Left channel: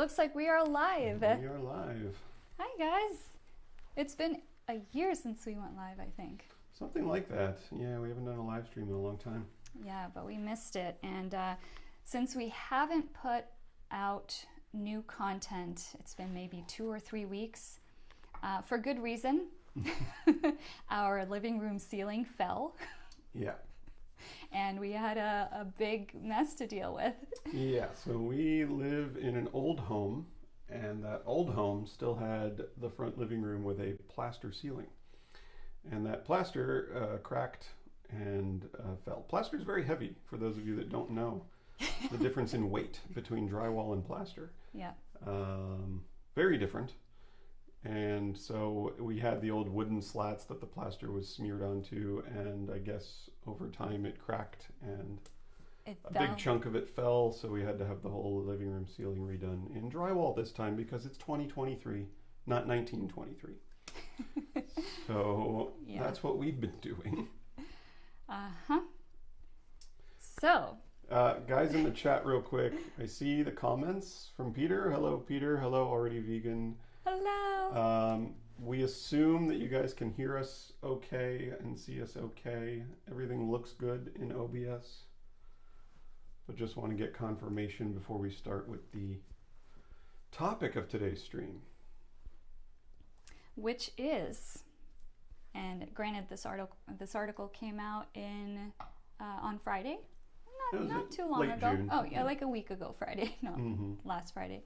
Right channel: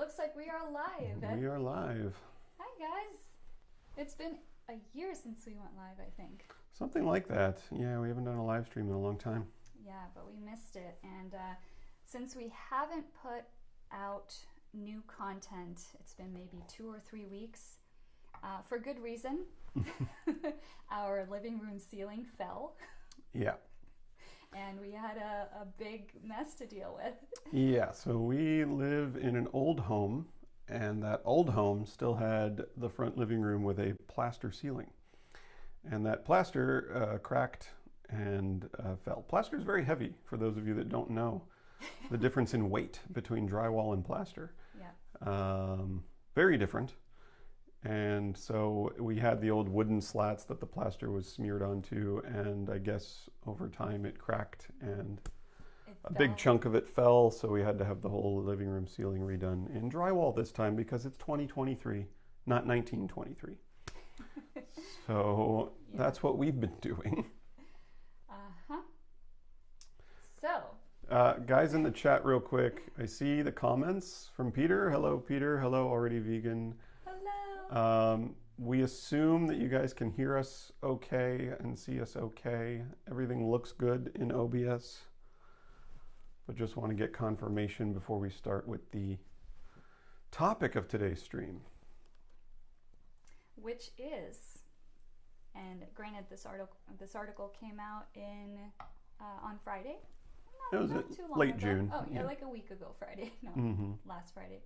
Looks like we are live. We are live. Hi guys. It's been a year since we went live, I think. Something like that. Yeah, we haven't done a live stream in a long time. Yeah, but we missed it. And since we haven't put out new content, it's been maybe 2 or 3 weeks, for good reason. Our living room ceiling fell. Yeah. And we had a big mess to deal with. Yeah, so we live in an old home, and that old home still had the front living room with a plaster ceiling. And that plaster cracked and fell. Plaster is very heavy, for those of you that don't know the difference in weight between drywall and plaster. Yeah. Very different. And so we had the old wooden slats that the plaster was smeared onto, and I guess over time it cracked and a big chunk of it fell, so we had to have the whole living room ceiling redone in drywall this time because it's 2023, not 1923. So yeah. That's what we've been doing. Uh-huh. So guys in the chat real quick, I see the comments from Peter. Hello Peter, hello Already Vegan. Hello. We assume that you guys can hear us okay and see us okay. Everything looks good in OBS. But just want to get confirmation before we start with the topic of today's stream. Which is, and granted this article came out on Friday. Not too long late ago. June. Oh yeah, like a week ago Friday. No, last Friday.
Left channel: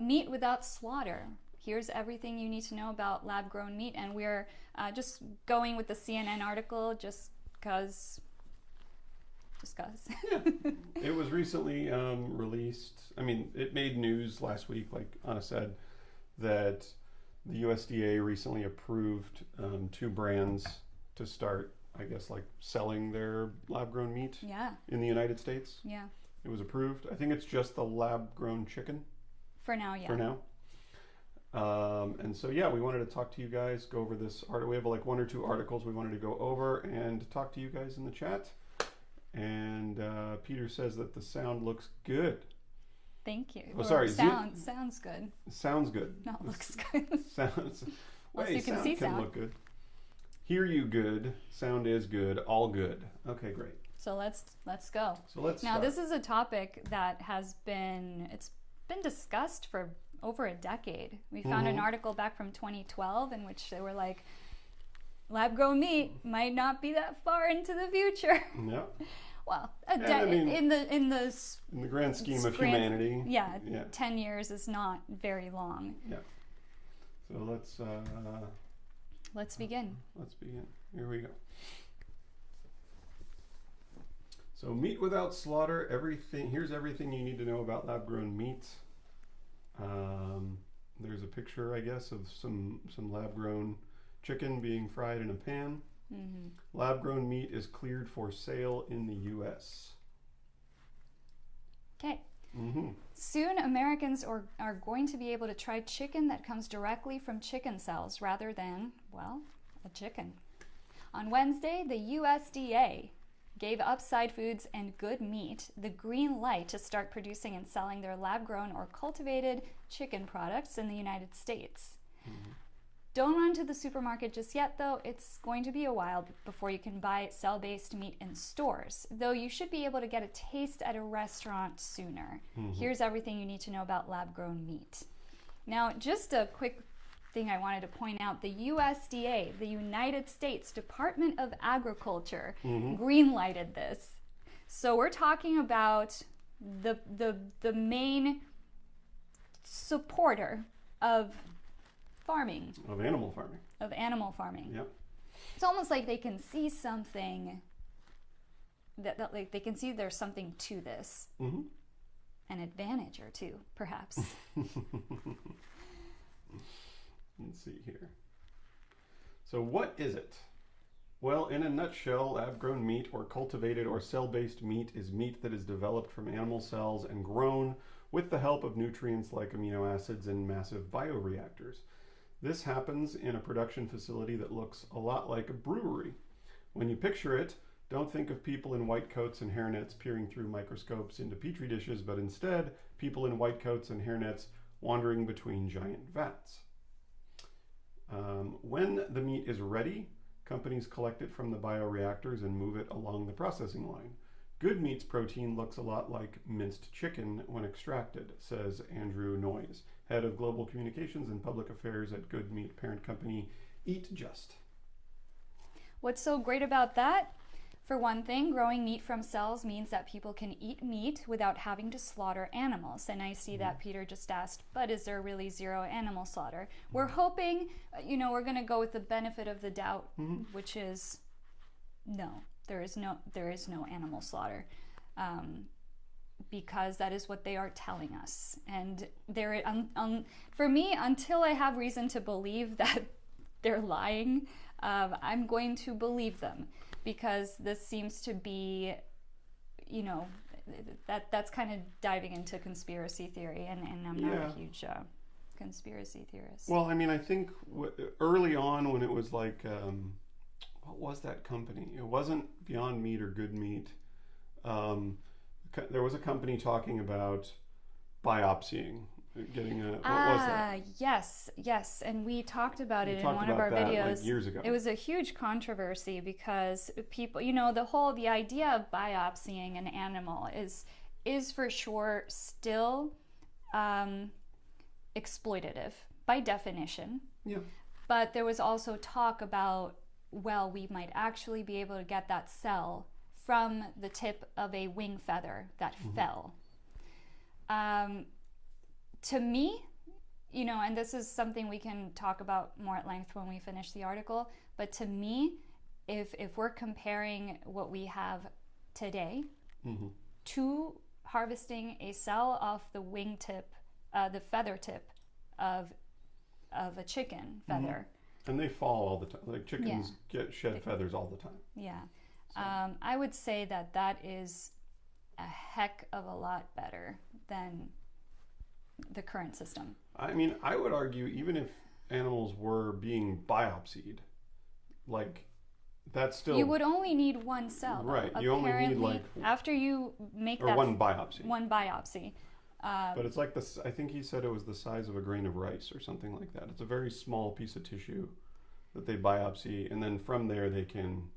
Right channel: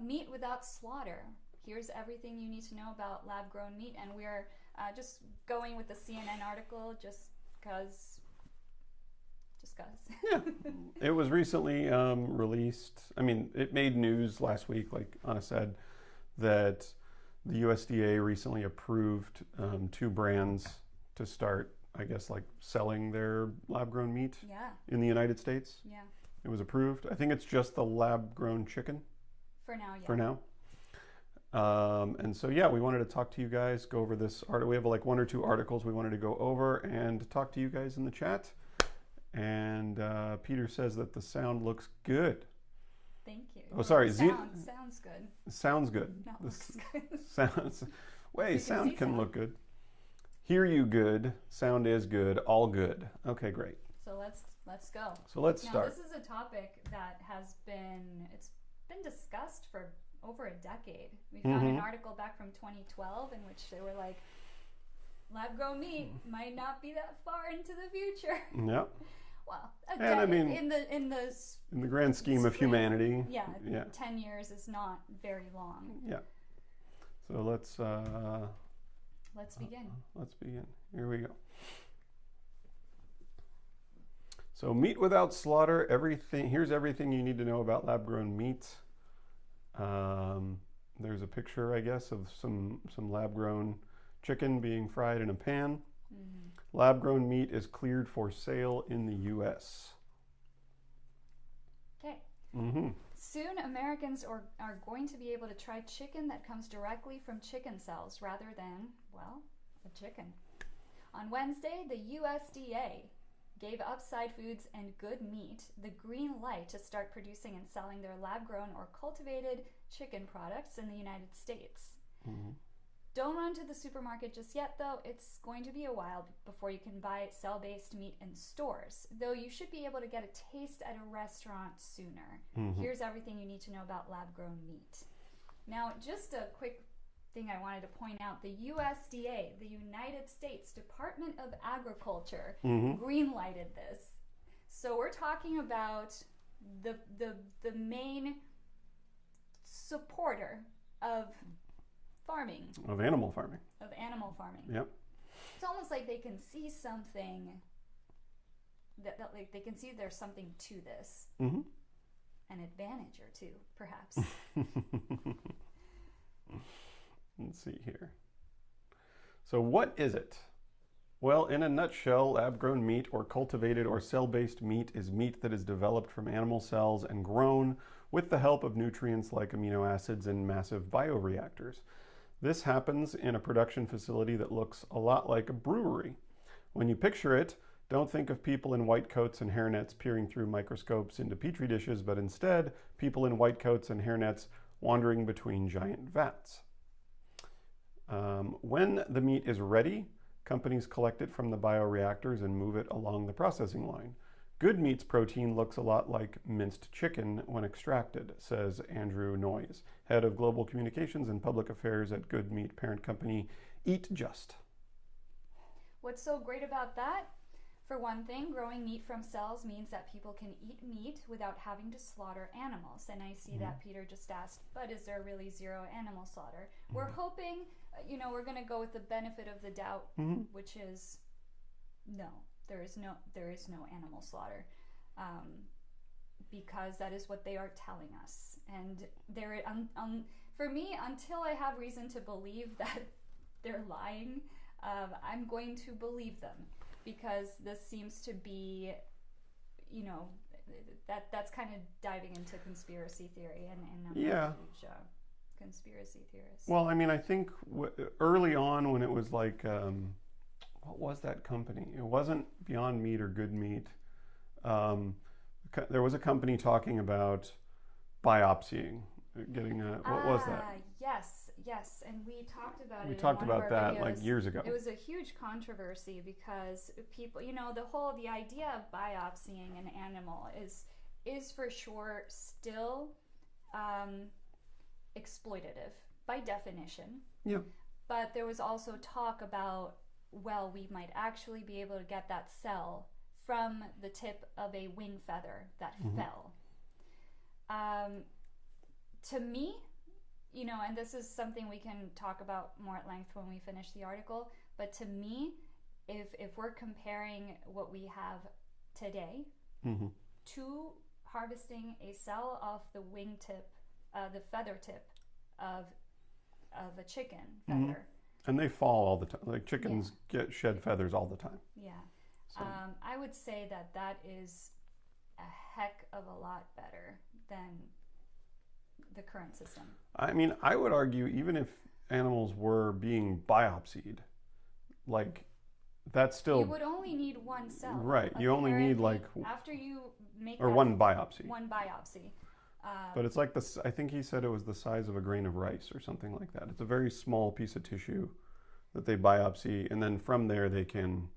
Meat without slaughter. Here's everything you need to know about lab-grown meat, and we're just going with the CNN article just because. Yeah, it was recently released. I mean, it made news last week, like Anna said, that the USDA recently approved 2 brands to start, I guess, like selling their lab-grown meat in the United States. Yeah. It was approved. I think it's just the lab-grown chicken. For now, yeah. For now. And so, yeah, we wanted to talk to you guys, go over this article. We have like 1 or 2 articles we wanted to go over and talk to you guys in the chat. And Peter says that the sound looks good. Thank you. Oh, sorry. Sounds good. Sounds good. Not looks good. Sounds. Wait, sound can look good. Hear you good. Sound is good. All good. Okay, great. So let's go. So let's now. Start. This is a topic that has been discussed for over a decade. We found an article back from 2012 in which they were like, lab-grown meat might not be that far into the future. Yep. Well, I mean, in the grand scheme of humanity, 10 years is not very long. Yeah. So let's begin. Let's begin. Here we go. So meat without slaughter. Here's everything you need to know about lab-grown meat. There's a picture, I guess, of some lab-grown chicken being fried in a pan. Lab-grown meat is cleared for sale in the U.S. Okay. Soon, Americans are going to be able to try chicken that comes directly from chicken cells rather than, well, a chicken. On Wednesday, the USDA gave Upside Foods and Good Meat the green light to start producing and selling their lab-grown or cultivated chicken products in the United States. Don't run to the supermarket just yet, though. It's going to be a while before you can buy cell-based meat in stores, though you should be able to get a taste at a restaurant sooner. Here's everything you need to know about lab-grown meat. Now, just a quick thing I wanted to point out. The USDA, the United States Department of Agriculture, green-lighted this. So we're talking about the main supporter of farming. Of animal farming. Yep. It's almost like they can see something that like they can see there's something to this. An advantage or two, perhaps. Let's see here. So what is it? Well, in a nutshell, lab-grown meat or cultivated or cell-based meat is meat that is developed from animal cells and grown with the help of nutrients like amino acids in massive bioreactors. This happens in a production facility that looks a lot like a brewery. When you picture it, Don't think of people in white coats and hairnets peering through microscopes into petri dishes, but instead people in white coats and hairnets wandering between giant vats. When the meat is ready, companies collect it from the bioreactors and move it along the processing line. Good meat's protein looks a lot like minced chicken when extracted, says Andrew Noyes, head of global communications and public affairs at Good Meat parent company Eat Just. What's so great about that? For one thing, growing meat from cells means that people can eat meat without having to slaughter animals. And I see that Peter just asked, but is there really zero animal slaughter? We're hoping, we're going to go with the benefit of the doubt, which is no, there is no animal slaughter. Because that is what they are telling us. And for me, until I have reason to believe that they're lying, I'm going to believe them. Because this seems to be, that's kind of diving into conspiracy theory, and I'm not a huge conspiracy theorist. Well, I mean, I think early on when it was like, what was that company? It wasn't Beyond Meat or Good Meat. There was a company talking about biopsying. Getting what was that? Yes, and we talked about it in one of our videos like years ago. It was a huge controversy because people, the idea of biopsying an animal is for sure still exploitative by definition. Yeah. But there was also talk about, well, we might actually be able to get that cell from the tip of a wing feather that fell. To me, and this is something we can talk about more at length when we finish the article, but to me, if we're comparing what we have today to harvesting a cell off the wing tip, the feather tip of a chicken feather. And they fall all the time. Like chickens get shed feathers all the time. Yeah. So. I would say that is a heck of a lot better than the current system. I mean, I would argue even if animals were being biopsied, like that's still... You would only need one cell. Right. You only need after you make one biopsy. One biopsy. But it's like this, I think he said it was the size of a grain of rice or something like that. It's a very small piece of tissue that they biopsy, and then from there they can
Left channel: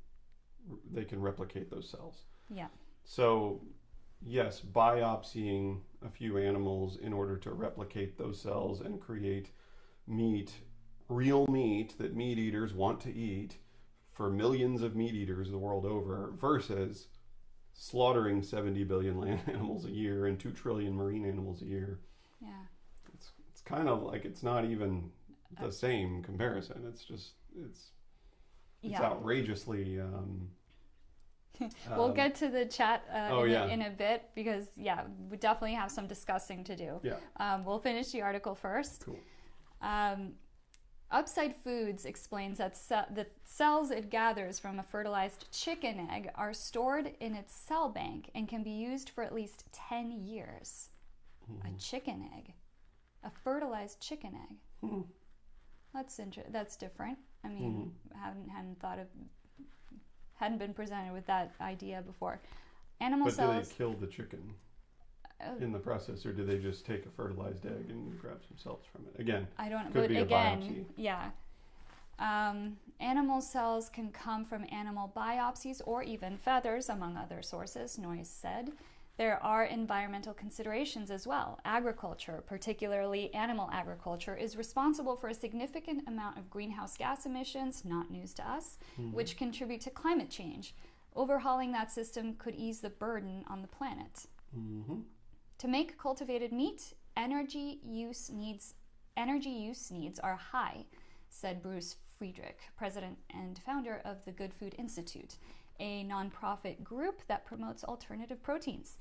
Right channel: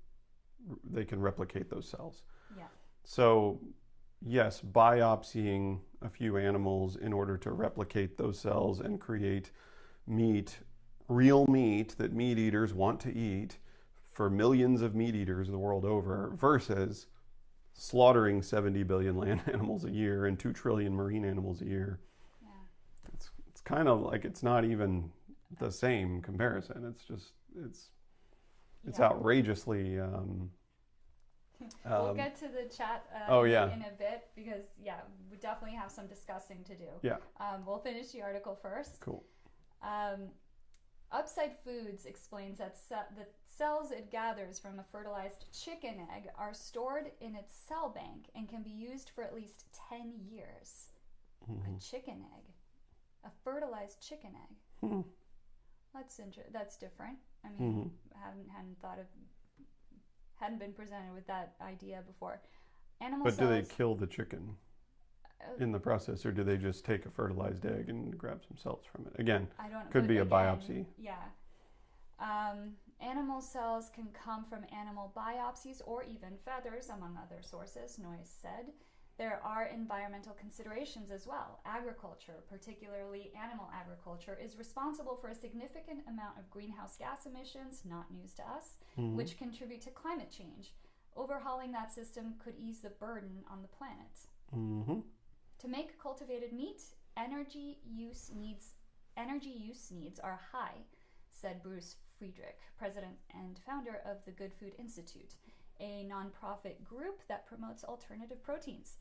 replicate those cells. Yeah. So yes, biopsying a few animals in order to replicate those cells and create meat, real meat that meat eaters want to eat for millions of meat eaters the world over, versus slaughtering 70 billion land animals a year and 2 trillion marine animals a year. Yeah. It's kind of like it's not even the same comparison. It's just it's outrageously we'll get to the chat in a bit because we definitely have some discussing to do. Yeah. We'll finish the article first. Cool. Upside Foods explains that the cells it gathers from a fertilized chicken egg are stored in its cell bank and can be used for at least 10 years. A chicken egg, a fertilized chicken egg. That's different. I mean, hadn't been presented with that idea before. Animal cells. But do they kill the chicken in the process, or do they just take a fertilized egg and grab some cells from it? Again, could be a biopsy. Yeah. Animal cells can come from animal biopsies or even feathers, among other sources, Noyes said. There are environmental considerations as well. Agriculture, particularly animal agriculture, is responsible for a significant amount of greenhouse gas emissions, not news to us, which contribute to climate change. Overhauling that system could ease the burden on the planet. To make cultivated meat, energy use needs are high, said Bruce Friedrich, president and founder of the Good Food Institute, a nonprofit group that promotes alternative proteins.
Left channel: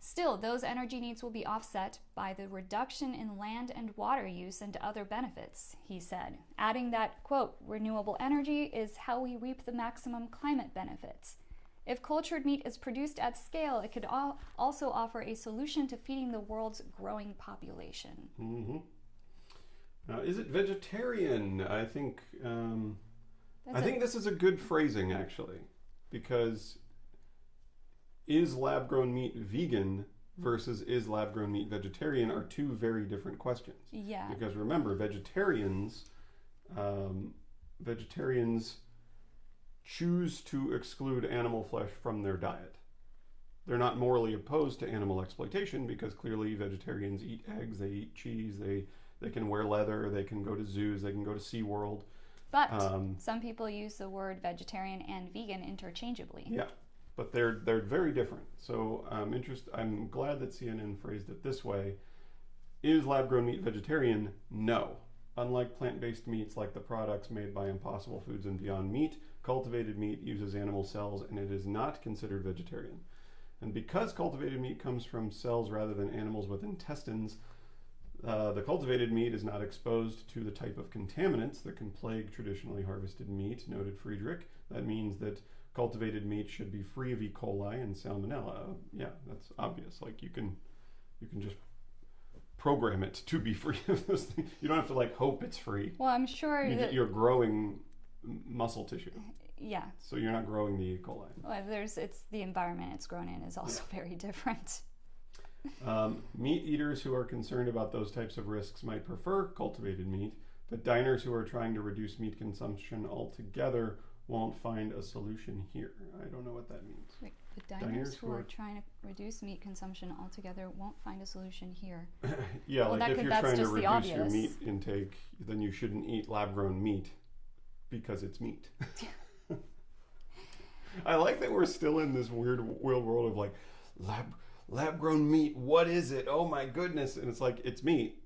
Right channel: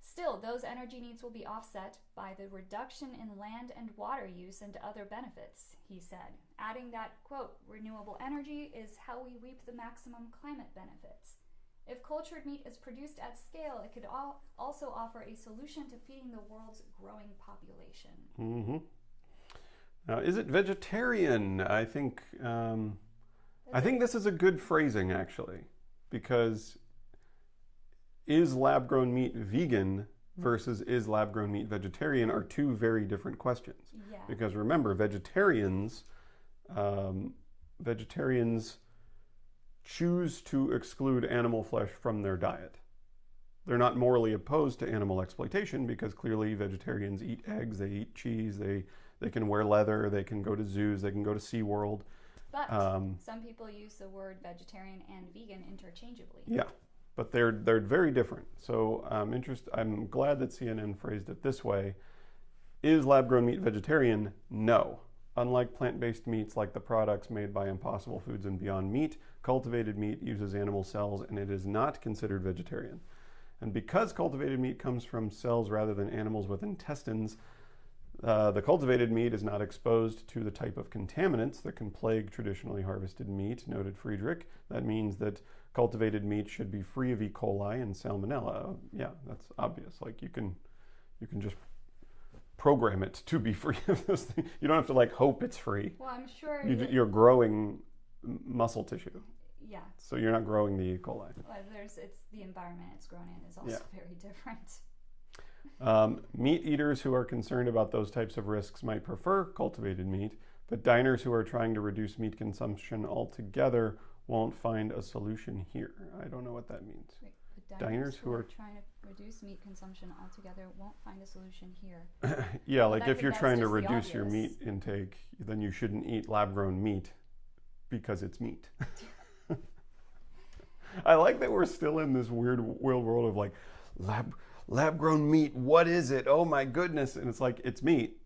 Still, those energy needs will be offset by the reduction in land and water use and other benefits, he said, adding that, quote, renewable energy is how we reap the maximum climate benefits. If cultured meat is produced at scale, it could also offer a solution to feeding the world's growing population. Is it vegetarian? I think this is a good phrasing, actually, because is lab-grown meat vegan versus is lab-grown meat vegetarian are two very different questions. Yeah. Because remember, vegetarians choose to exclude animal flesh from their diet. They're not morally opposed to animal exploitation because clearly vegetarians eat eggs, they eat cheese, they can wear leather, they can go to zoos, they can go to SeaWorld. But some people use the word vegetarian and vegan interchangeably. Yeah, but they're very different. So I'm glad that CNN phrased it this way. Is lab-grown meat vegetarian? No. Unlike plant-based meats like the products made by Impossible Foods and Beyond Meat, cultivated meat uses animal cells and it is not considered vegetarian. And because cultivated meat comes from cells rather than animals with intestines, the cultivated meat is not exposed to the type of contaminants that can plague traditionally harvested meat, noted Friedrich. That means that cultivated meat should be free of E. coli and salmonella. Yeah, that's obvious. Like you can just program it to be free of those things. You don't have to like hope it's free. Well, I'm sure you're growing muscle tissue. Yeah. So you're not growing the E. coli. Well, it's the environment it's grown in is also very different. Meat eaters who are concerned about those types of risks might prefer cultivated meat, but diners who are trying to reduce meat consumption altogether won't find a solution here. I don't know what that means. Wait, but diners who are trying to reduce meat consumption altogether won't find a solution here. Yeah, well, like if you're trying to reduce your meat intake, then you shouldn't eat lab-grown meat because it's meat. I like that we're still in this weird world of like lab-grown meat. What is it? Oh my goodness! And it's like it's meat.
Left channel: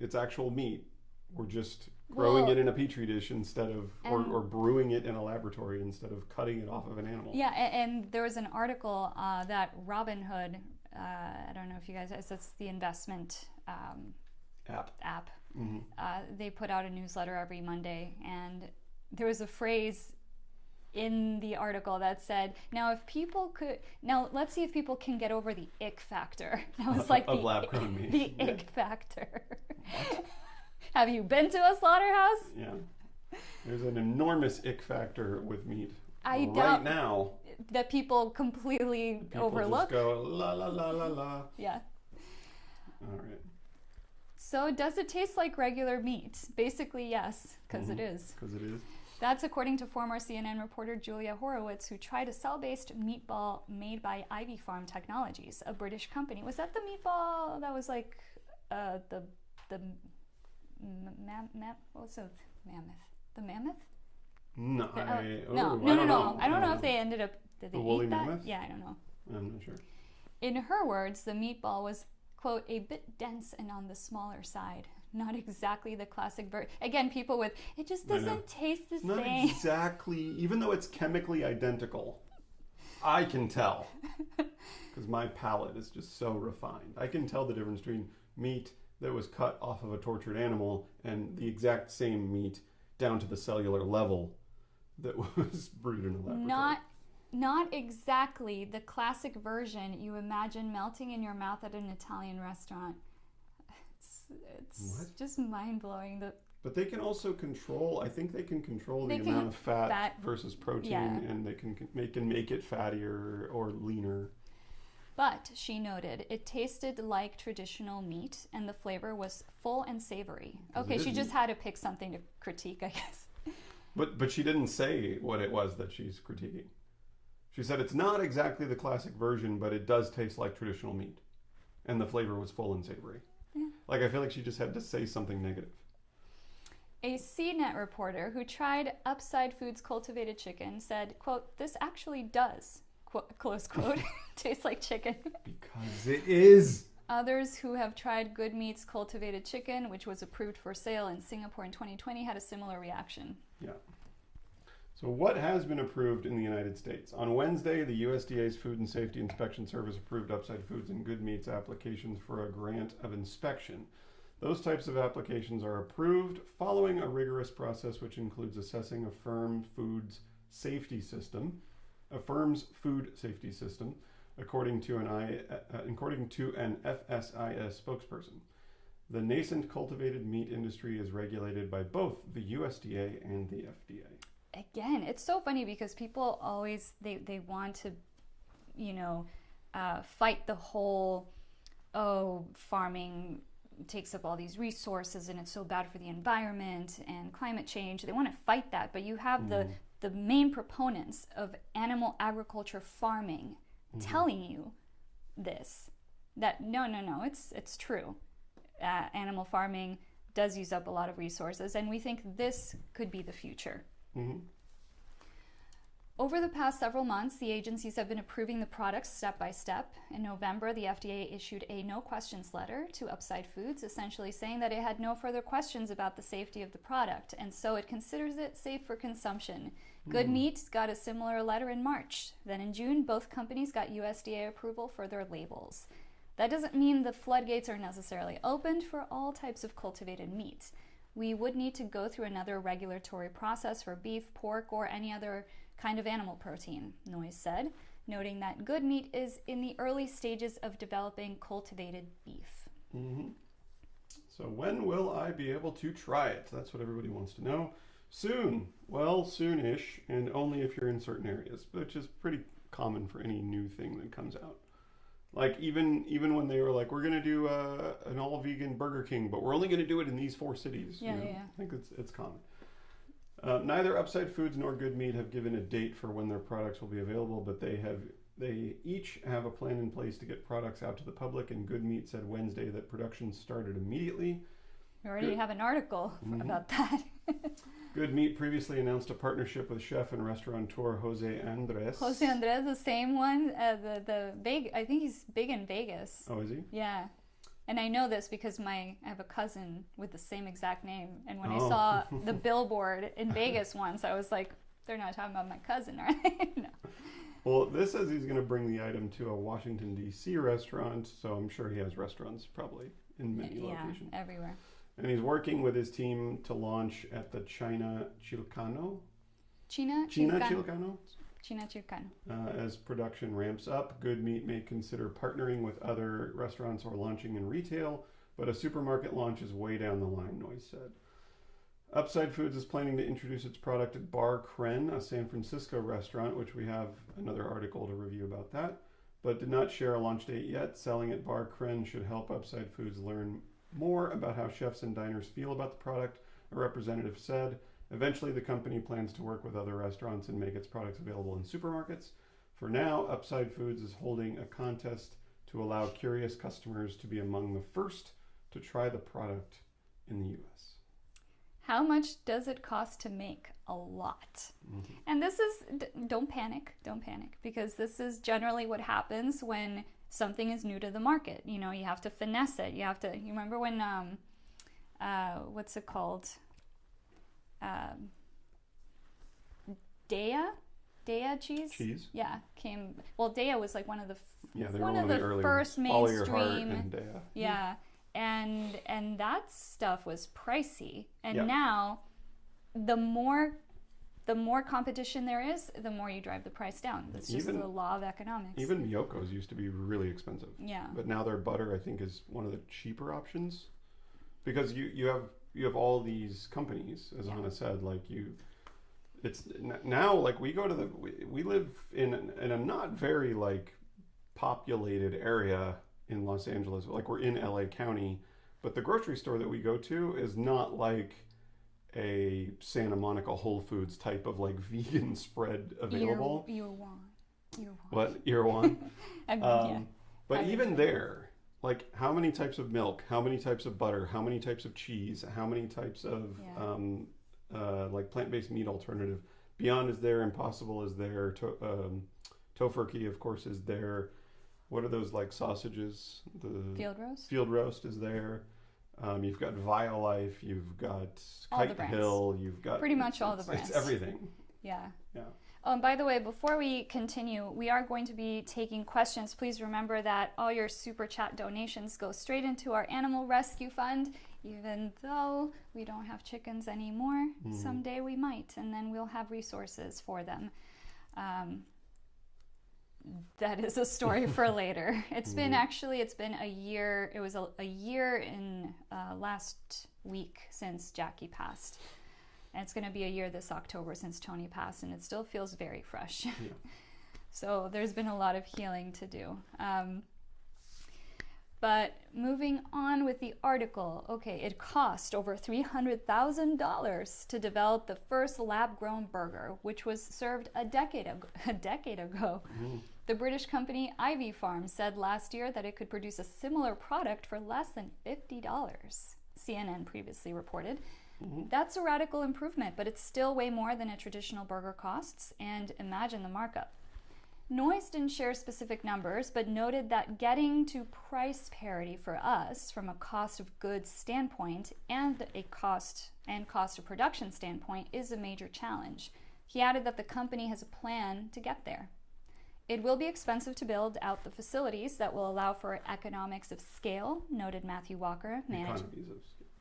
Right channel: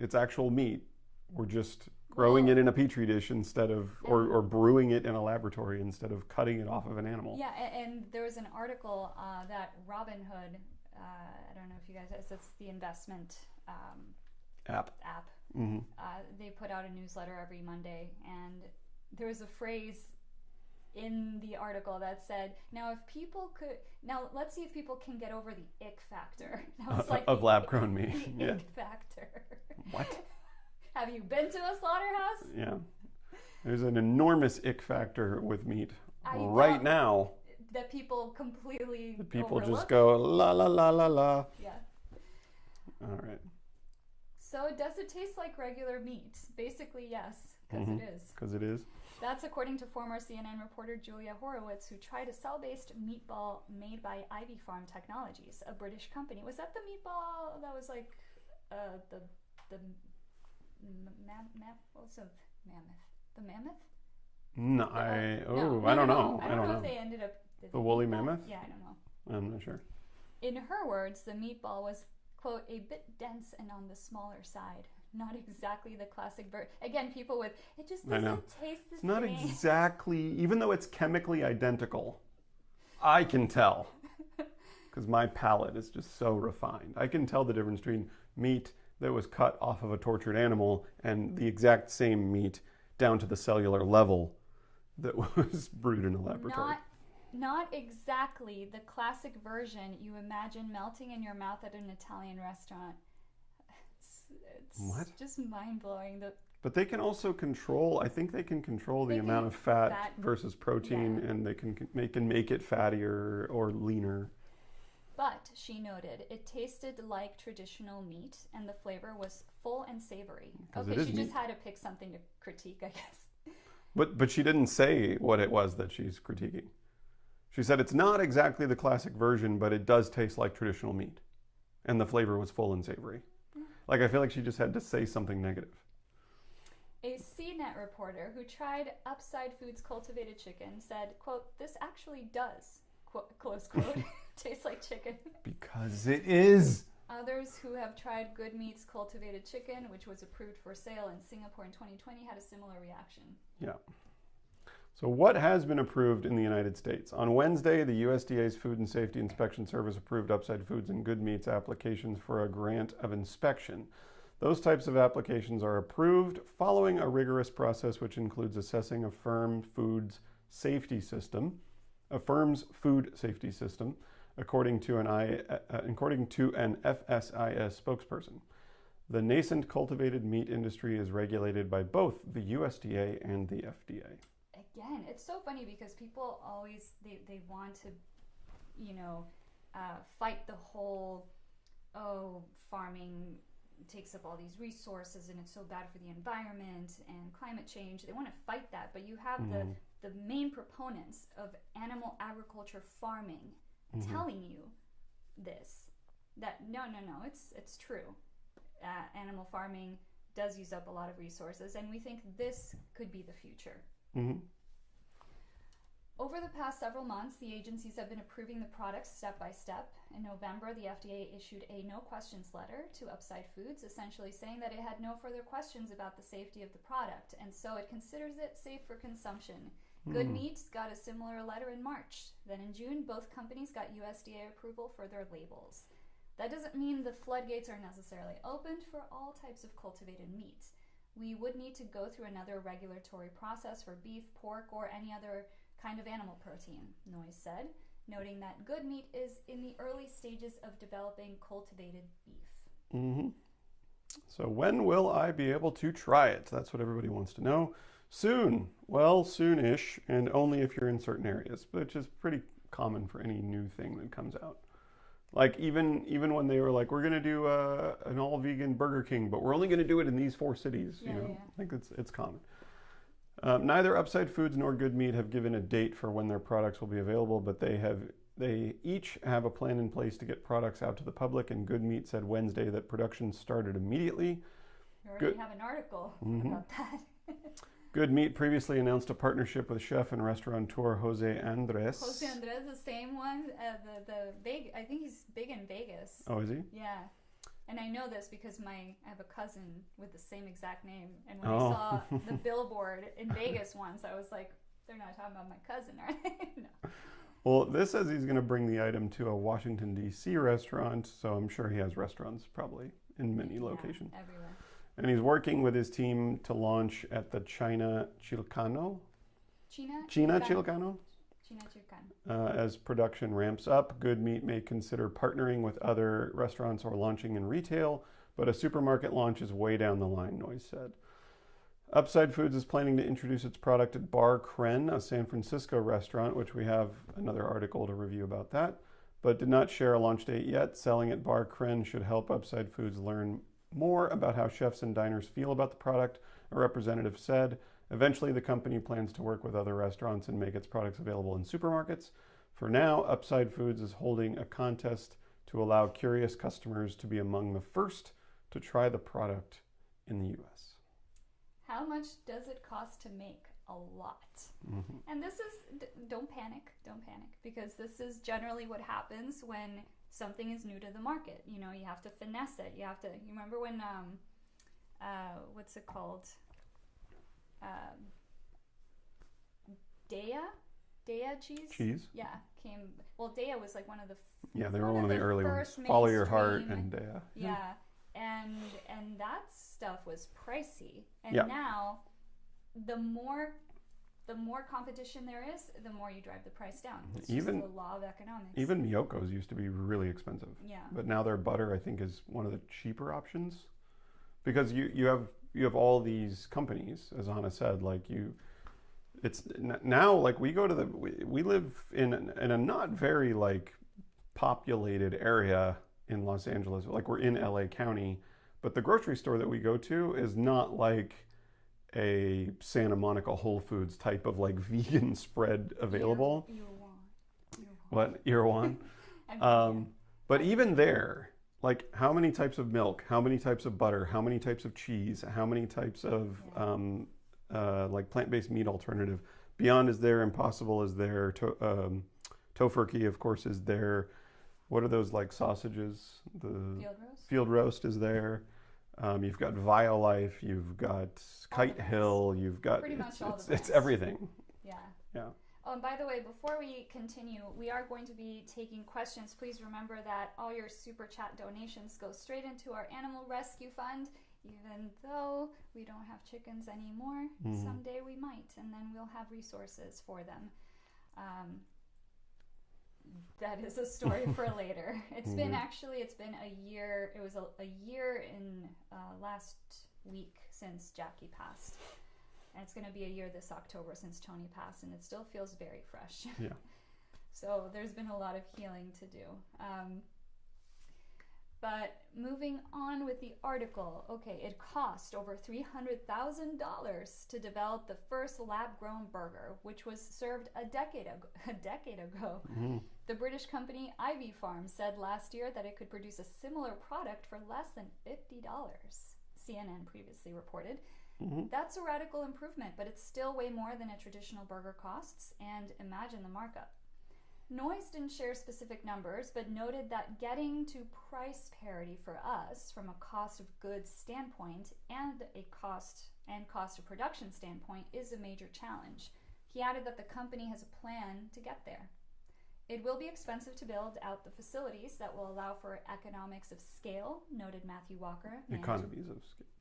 It's actual meat. We're just growing it in a petri dish instead of, or brewing it in a laboratory instead of cutting it off of an animal. Yeah, and there was an article that Robinhood, I don't know if you guys, it's the investment app. Mm-hmm. They put out a newsletter every Monday, and there was a phrase in the article that said, now let's see if people can get over the ick factor. That was like of lab-grown meat. The ick factor. What? Have you been to a slaughterhouse? Yeah. There's an enormous ick factor with meat right now. That people completely overlook. People just go, la, la, la, la, la. Yeah. All right. So does it taste like regular meat? Basically, yes, because it is. Because it is. That's according to former CNN reporter Julia Horowitz, who tried a cell-based meatball made by Ivy Farm Technologies, a British company. Was that the meatball that was like the what's the mammoth? The mammoth? No, I don't know. I don't know if they ended up. Did they the woolly eat that? mammoth? Yeah, I don't know. I'm not sure. In her words, the meatball was, quote, a bit dense and on the smaller side. Not exactly the classic bird. Again, people with, it just doesn't taste the same. Not exactly, even though it's chemically identical, I can tell. Because my palate is just so refined. I can tell the difference between meat that was cut off of a tortured animal and the exact same meat down to the cellular level that was brewed in a laboratory. Not exactly the classic version you imagine melting in your mouth at an Italian restaurant. It's just mind-blowing. But they can also control, I think they can control the amount of fat versus protein, and they can make it fattier or leaner. But, she noted, it tasted like traditional meat, and the flavor was full and savory. Okay, she just had to pick something to critique, I guess. But she didn't say what it was that she's critiquing. She said it's not exactly the classic version, but it does taste like traditional meat. And the flavor was full and savory. Yeah. Like, I feel like she just had to say something negative. A CNET reporter who tried Upside Foods cultivated chicken said, quote, this actually does, close quote, taste like chicken. Because it is. Others who have tried Good Meat's cultivated chicken, which was approved for sale in Singapore in 2020, had a similar reaction. Yeah. So what has been approved in the United States? On Wednesday, the USDA's Food and Safety Inspection Service approved Upside Foods and Good Meat's applications for a grant of inspection. Those types of applications are approved following a rigorous process which includes assessing a firm's food safety system, according to an FSIS spokesperson. The nascent cultivated meat industry is regulated by both the USDA and the FDA. Again, it's so funny because people always, they want to, fight the whole, farming takes up all these resources and it's so bad for the environment and climate change. They want to fight that, but you have the main proponents of animal agriculture farming telling you this, that no, it's true. Animal farming does use up a lot of resources, and we think this could be the future. Over the past several months, the agencies have been approving the products step by step. In November, the FDA issued a no questions letter to Upside Foods, essentially saying that it had no further questions about the safety of the product, and so it considers it safe for consumption. Good Meat got a similar letter in March. Then in June, both companies got USDA approval for their labels. That doesn't mean the floodgates are necessarily opened for all types of cultivated meat. We would need to go through another regulatory process for beef, pork, or any other kind of animal protein, Noyes said, noting that Good Meat is in the early stages of developing cultivated beef. So when will I be able to try it? That's what everybody wants to know. Soon. Well, soon-ish, and only if you're in certain areas, which is pretty common for any new thing that comes out. Like even when they were like, we're going to do an all-vegan Burger King, but we're only going to do it in these 4 cities. I think it's common. Neither Upside Foods nor Good Meat have given a date for when their products will be available, but they each have a plan in place to get products out to the public, and Good Meat said Wednesday that production started immediately. We already have an article about that. Good Meat previously announced a partnership with chef and restaurateur Jose Andres. Jose Andres, the same one, I think he's big in Vegas. Oh, is he? Yeah. And I know this because I have a cousin with the same exact name. And when I saw the billboard in Vegas once, I was like, they're not talking about my cousin, are they? No. Well, this says he's going to bring the item to a Washington, D.C. restaurant, so I'm sure he has restaurants probably in many locations. Everywhere. And he's working with his team to launch at the China Chilcano. As production ramps up, Good Meat may consider partnering with other restaurants or launching in retail, but a supermarket launch is way down the line, Noyes said. Upside Foods is planning to introduce its product at Bar Kren, a San Francisco restaurant, which we have another article to review about that, but did not share a launch date yet. Selling at Bar Kren should help Upside Foods learn more about how chefs and diners feel about the product, a representative said. Eventually, the company plans to work with other restaurants and make its products available in supermarkets. For now, Upside Foods is holding a contest to allow curious customers to be among the first to try the product in the U.S. How much does it cost to make? A lot. And this is, don't panic, because this is generally what happens when something is new to the market. You know, you have to finesse it. You remember when, what's it called? Daiya cheese? Yeah, came. Well, Daiya was like one of the they were one of the early first mainstream. Follow Your Heart and Daiya. Yeah, and that stuff was pricey. And now, the more competition there is, the more you drive the price down. It's just the law of economics. Even Miyoko's used to be really expensive. Yeah. But now their butter, I think, is one of the cheaper options, because you have all these companies, as Anna said, like it's now like we live in a not very like populated area in Los Angeles, like we're in LA County, but the grocery store that we go to is not like a Santa Monica Whole Foods type of like vegan spread available. Irwan. But even there, like how many types of milk, how many types of butter, how many types of cheese, how many types of like plant-based meat alternative. Beyond is there, Impossible is there, Tofurkey, of course, is there. What are those like sausages? The Field roast is there. You've got Violife, you've got Kite Hill, you've got pretty much all the brands. It's everything. Yeah. Oh, and by the way, before we continue, we are going to be taking questions. Please remember that all your super chat donations go straight into our animal rescue fund. Even though we don't have chickens anymore, someday we might, and then we'll have resources for them. That is a story for later. It's been a year. It was a year in last week since Jackie passed. And it's going to be a year this October since Tony passed, and it still feels very fresh. Yeah. So there's been a lot of healing to do. But moving on with the article, okay, it cost over $300,000 to develop the first lab-grown burger, which was served a decade ago. Mm. The British company Ivy Farm said last year that it could produce a similar product for less than $50, CNN previously reported. Mm-hmm. That's a radical improvement, but it's still way more than a traditional burger costs, and imagine the markup. Noyes didn't share specific numbers, but noted that getting to price parity for us from a cost of goods standpoint and a cost of production standpoint is a major challenge. He added that the company has a plan to get there. It will be expensive to build out the facilities that will allow for economics of scale, noted Matthew Walker.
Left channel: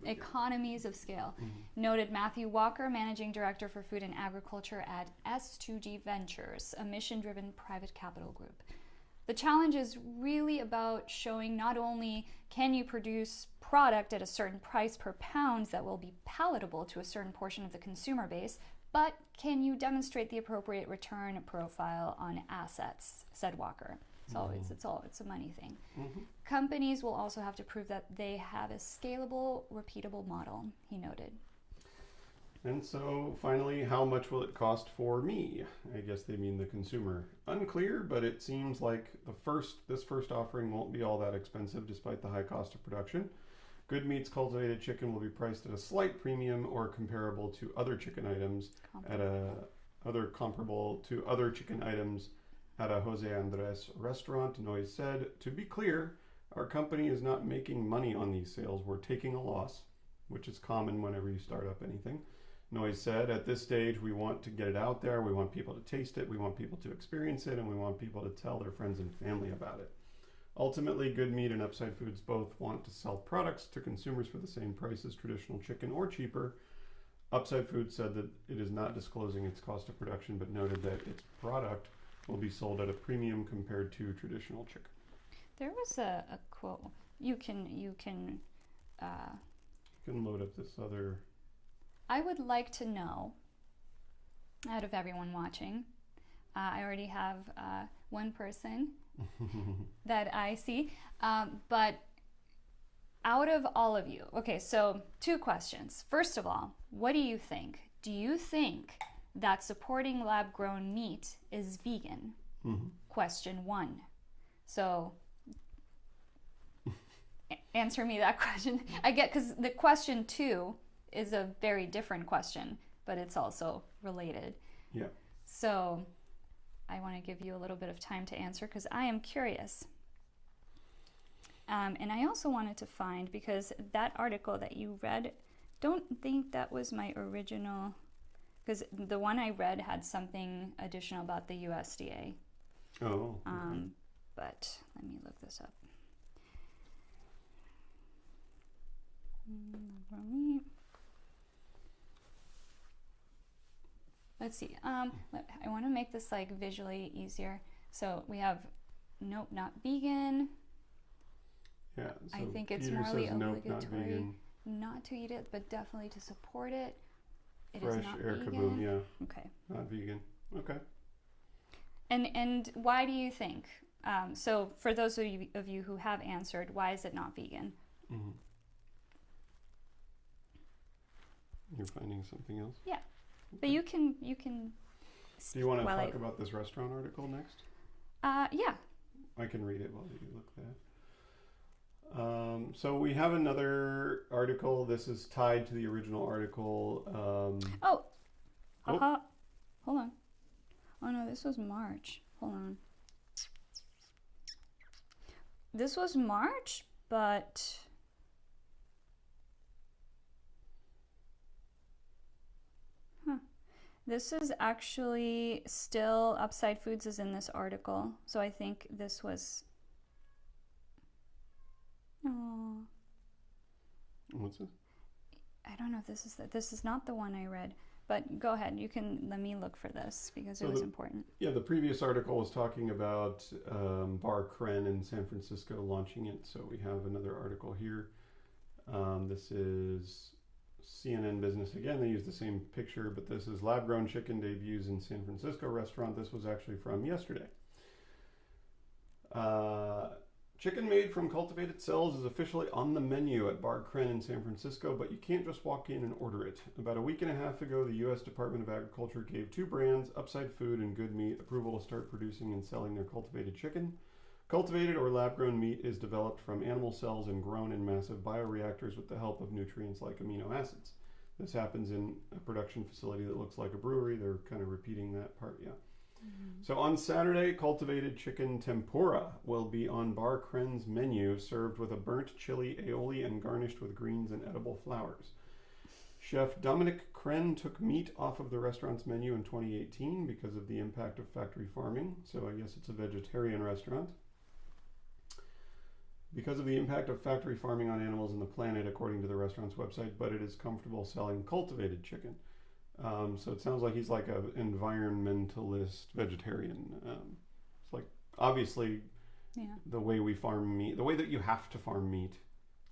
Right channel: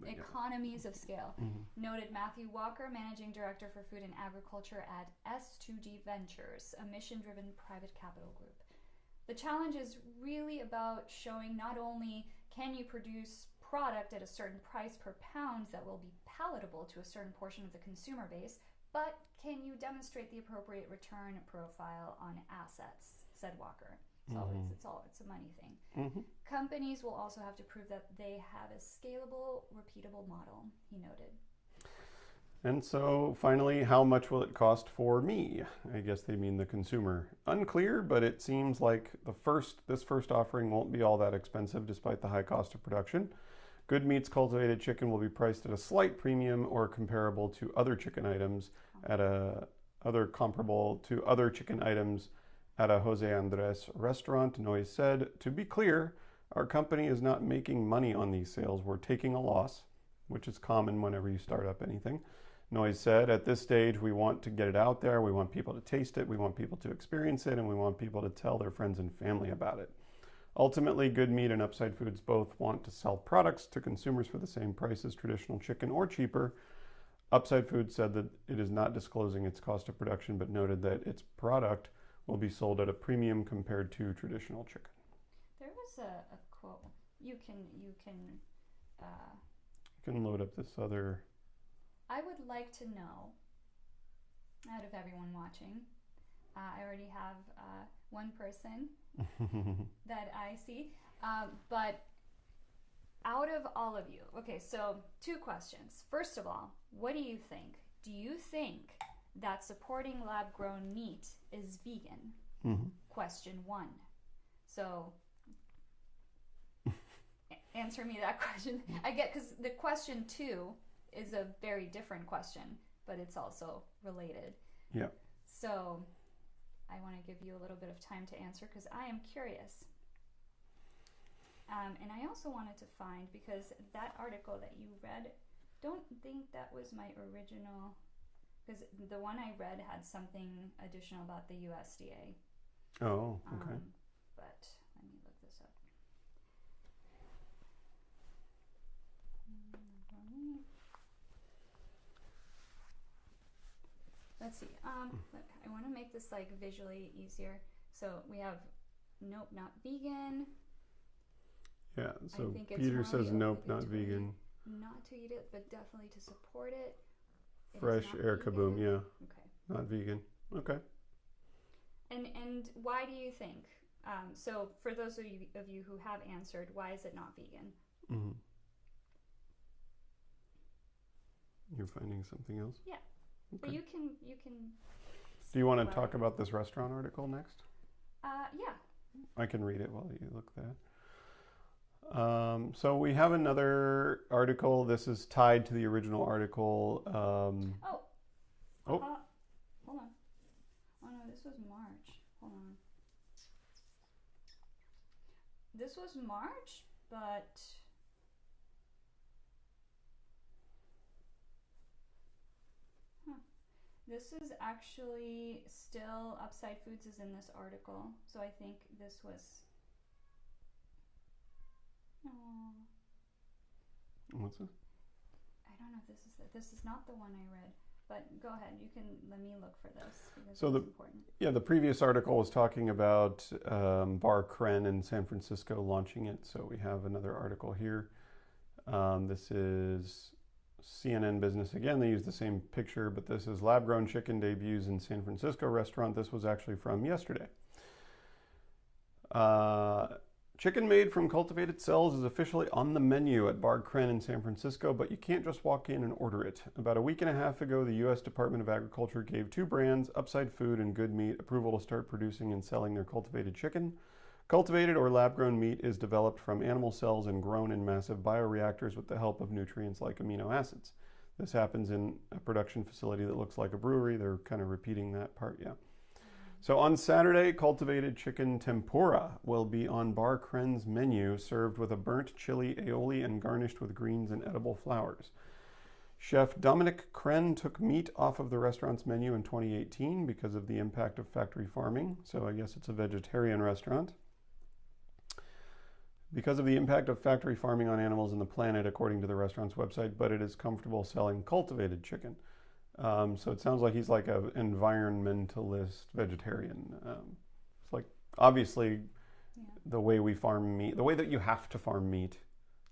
Economies of scale. Mm-hmm. Noted Matthew Walker, Managing Director for Food and Agriculture at S2G Ventures, a mission-driven private capital group. The challenge is really about showing not only can you produce product at a certain price per pound that will be palatable to a certain portion of the consumer base, but can you demonstrate the appropriate return profile on assets, said Walker. So Mm-hmm. it's a money thing. Mm-hmm. Companies will also have to prove that they have a scalable, repeatable model, he noted. And so finally, how much will it cost for me? I guess they mean the consumer. Unclear, but it seems like this first offering won't be all that expensive despite the high cost of production. Good Meat's cultivated chicken will be priced at a slight premium or comparable to other chicken items comparable to other chicken items at a Jose Andres restaurant. Noyes said, to be clear, our company is not making money on these sales. We're taking a loss, which is common whenever you start up anything. Noyes said, at this stage, we want to get it out there. We want people to taste it. We want people to experience it. And we want people to tell their friends and family about it. Ultimately, Good Meat and Upside Foods both want to sell products to consumers for the same price as traditional chicken or cheaper. Upside Foods said that it is not disclosing its cost of production, but noted that its product will be sold at a premium compared to traditional chicken. There was a quote. You can load up this other. I would like to know, out of everyone watching, I already have one person that I see, but out of all of you, okay, so 2 questions. First of all, what do you think? Do you think that supporting lab-grown meat is vegan? Mm-hmm. Question 1. So answer me that question. I get, because the question 2 is a very different question, but it's also related. Yeah. So I want to give you a little bit of time to answer because I am curious. And I also wanted to find, because that article that you read, don't think that was my original, because the one I read had something additional about the USDA. Oh, okay. But let me look this up. Let's see. I want to make this like visually easier. So we have nope, not vegan. Yeah. So I think it's Peter morally says nope, not obligatory vegan. not to eat it, but definitely to support it. It is Fresh not air vegan. kaboom. Yeah. Okay. Not vegan. Okay. And why do you think? So for those of you who have answered, why is it not vegan? Mm-hmm. You're finding something else? Yeah. Okay. But you can. Do you want to talk about this restaurant article next? Yeah. I can read it while you look that. So we have another article. This is tied to the original article. Hold on. Oh no, this was March. Hold on. This was March, but this is actually still Upside Foods is in this article. So I think this was. Oh. What's this? I don't know if this is not the one I read. But go ahead. You can let me look for this because it was important. Yeah, the previous article was talking about Bar Kren in San Francisco launching it. So we have another article here. This is CNN Business again. They use the same picture, but this is lab-grown chicken debuts in San Francisco restaurant. This was actually from yesterday. Chicken made from cultivated cells is officially on the menu at Bar Cren in San Francisco, but you can't just walk in and order it. About a week and a half ago, the U.S. Department of Agriculture gave two brands, Upside Food and Good Meat, approval to start producing and selling their cultivated chicken. Cultivated or lab-grown meat is developed from animal cells and grown in massive bioreactors with the help of nutrients like amino acids. This happens in a production facility that looks like a brewery. They're kind of repeating that part, yeah. So on Saturday, cultivated chicken tempura will be on Bar Cren's menu, served with a burnt chili aioli and garnished with greens and edible flowers. Chef Dominic Cren took meat off of the restaurant's menu in 2018 because of the impact of factory farming, so I guess it's a vegetarian restaurant. Because of the impact of factory farming on animals and the planet, according to the restaurant's website, but it is comfortable selling cultivated chicken. So it sounds like he's like an environmentalist vegetarian. It's like, obviously, the way we farm meat, the way that you have to farm meat,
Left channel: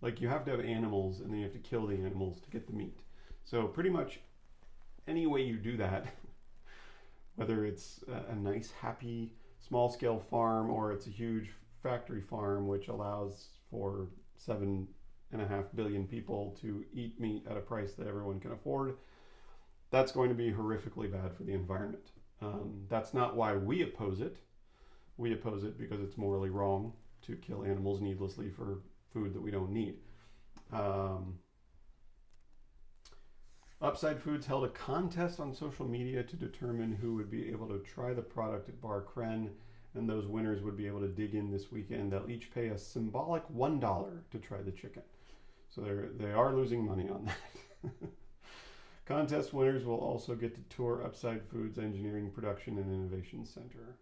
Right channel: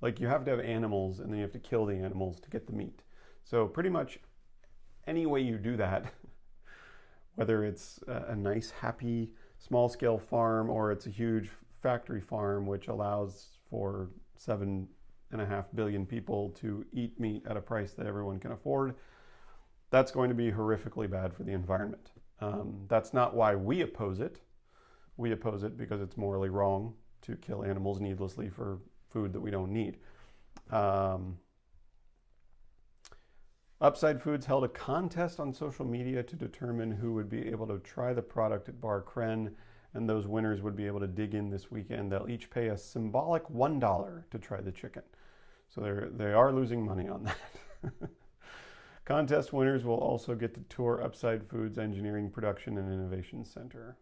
like you have to have animals and then you have to kill the animals to get the meat. So pretty much any way you do that, whether it's a nice, happy, small-scale farm or it's a huge factory farm which allows for 7.5 billion people to eat meat at a price that everyone can afford, that's going to be horrifically bad for the environment. That's not why we oppose it. We oppose it because it's morally wrong to kill animals needlessly for food that we don't need. Upside Foods held a contest on social media to determine who would be able to try the product at Bar Cren, and those winners would be able to dig in this weekend. They'll each pay a symbolic $1 to try the chicken. So they are losing money on that. Contest winners will also get to tour Upside Foods Engineering Production and Innovation Center.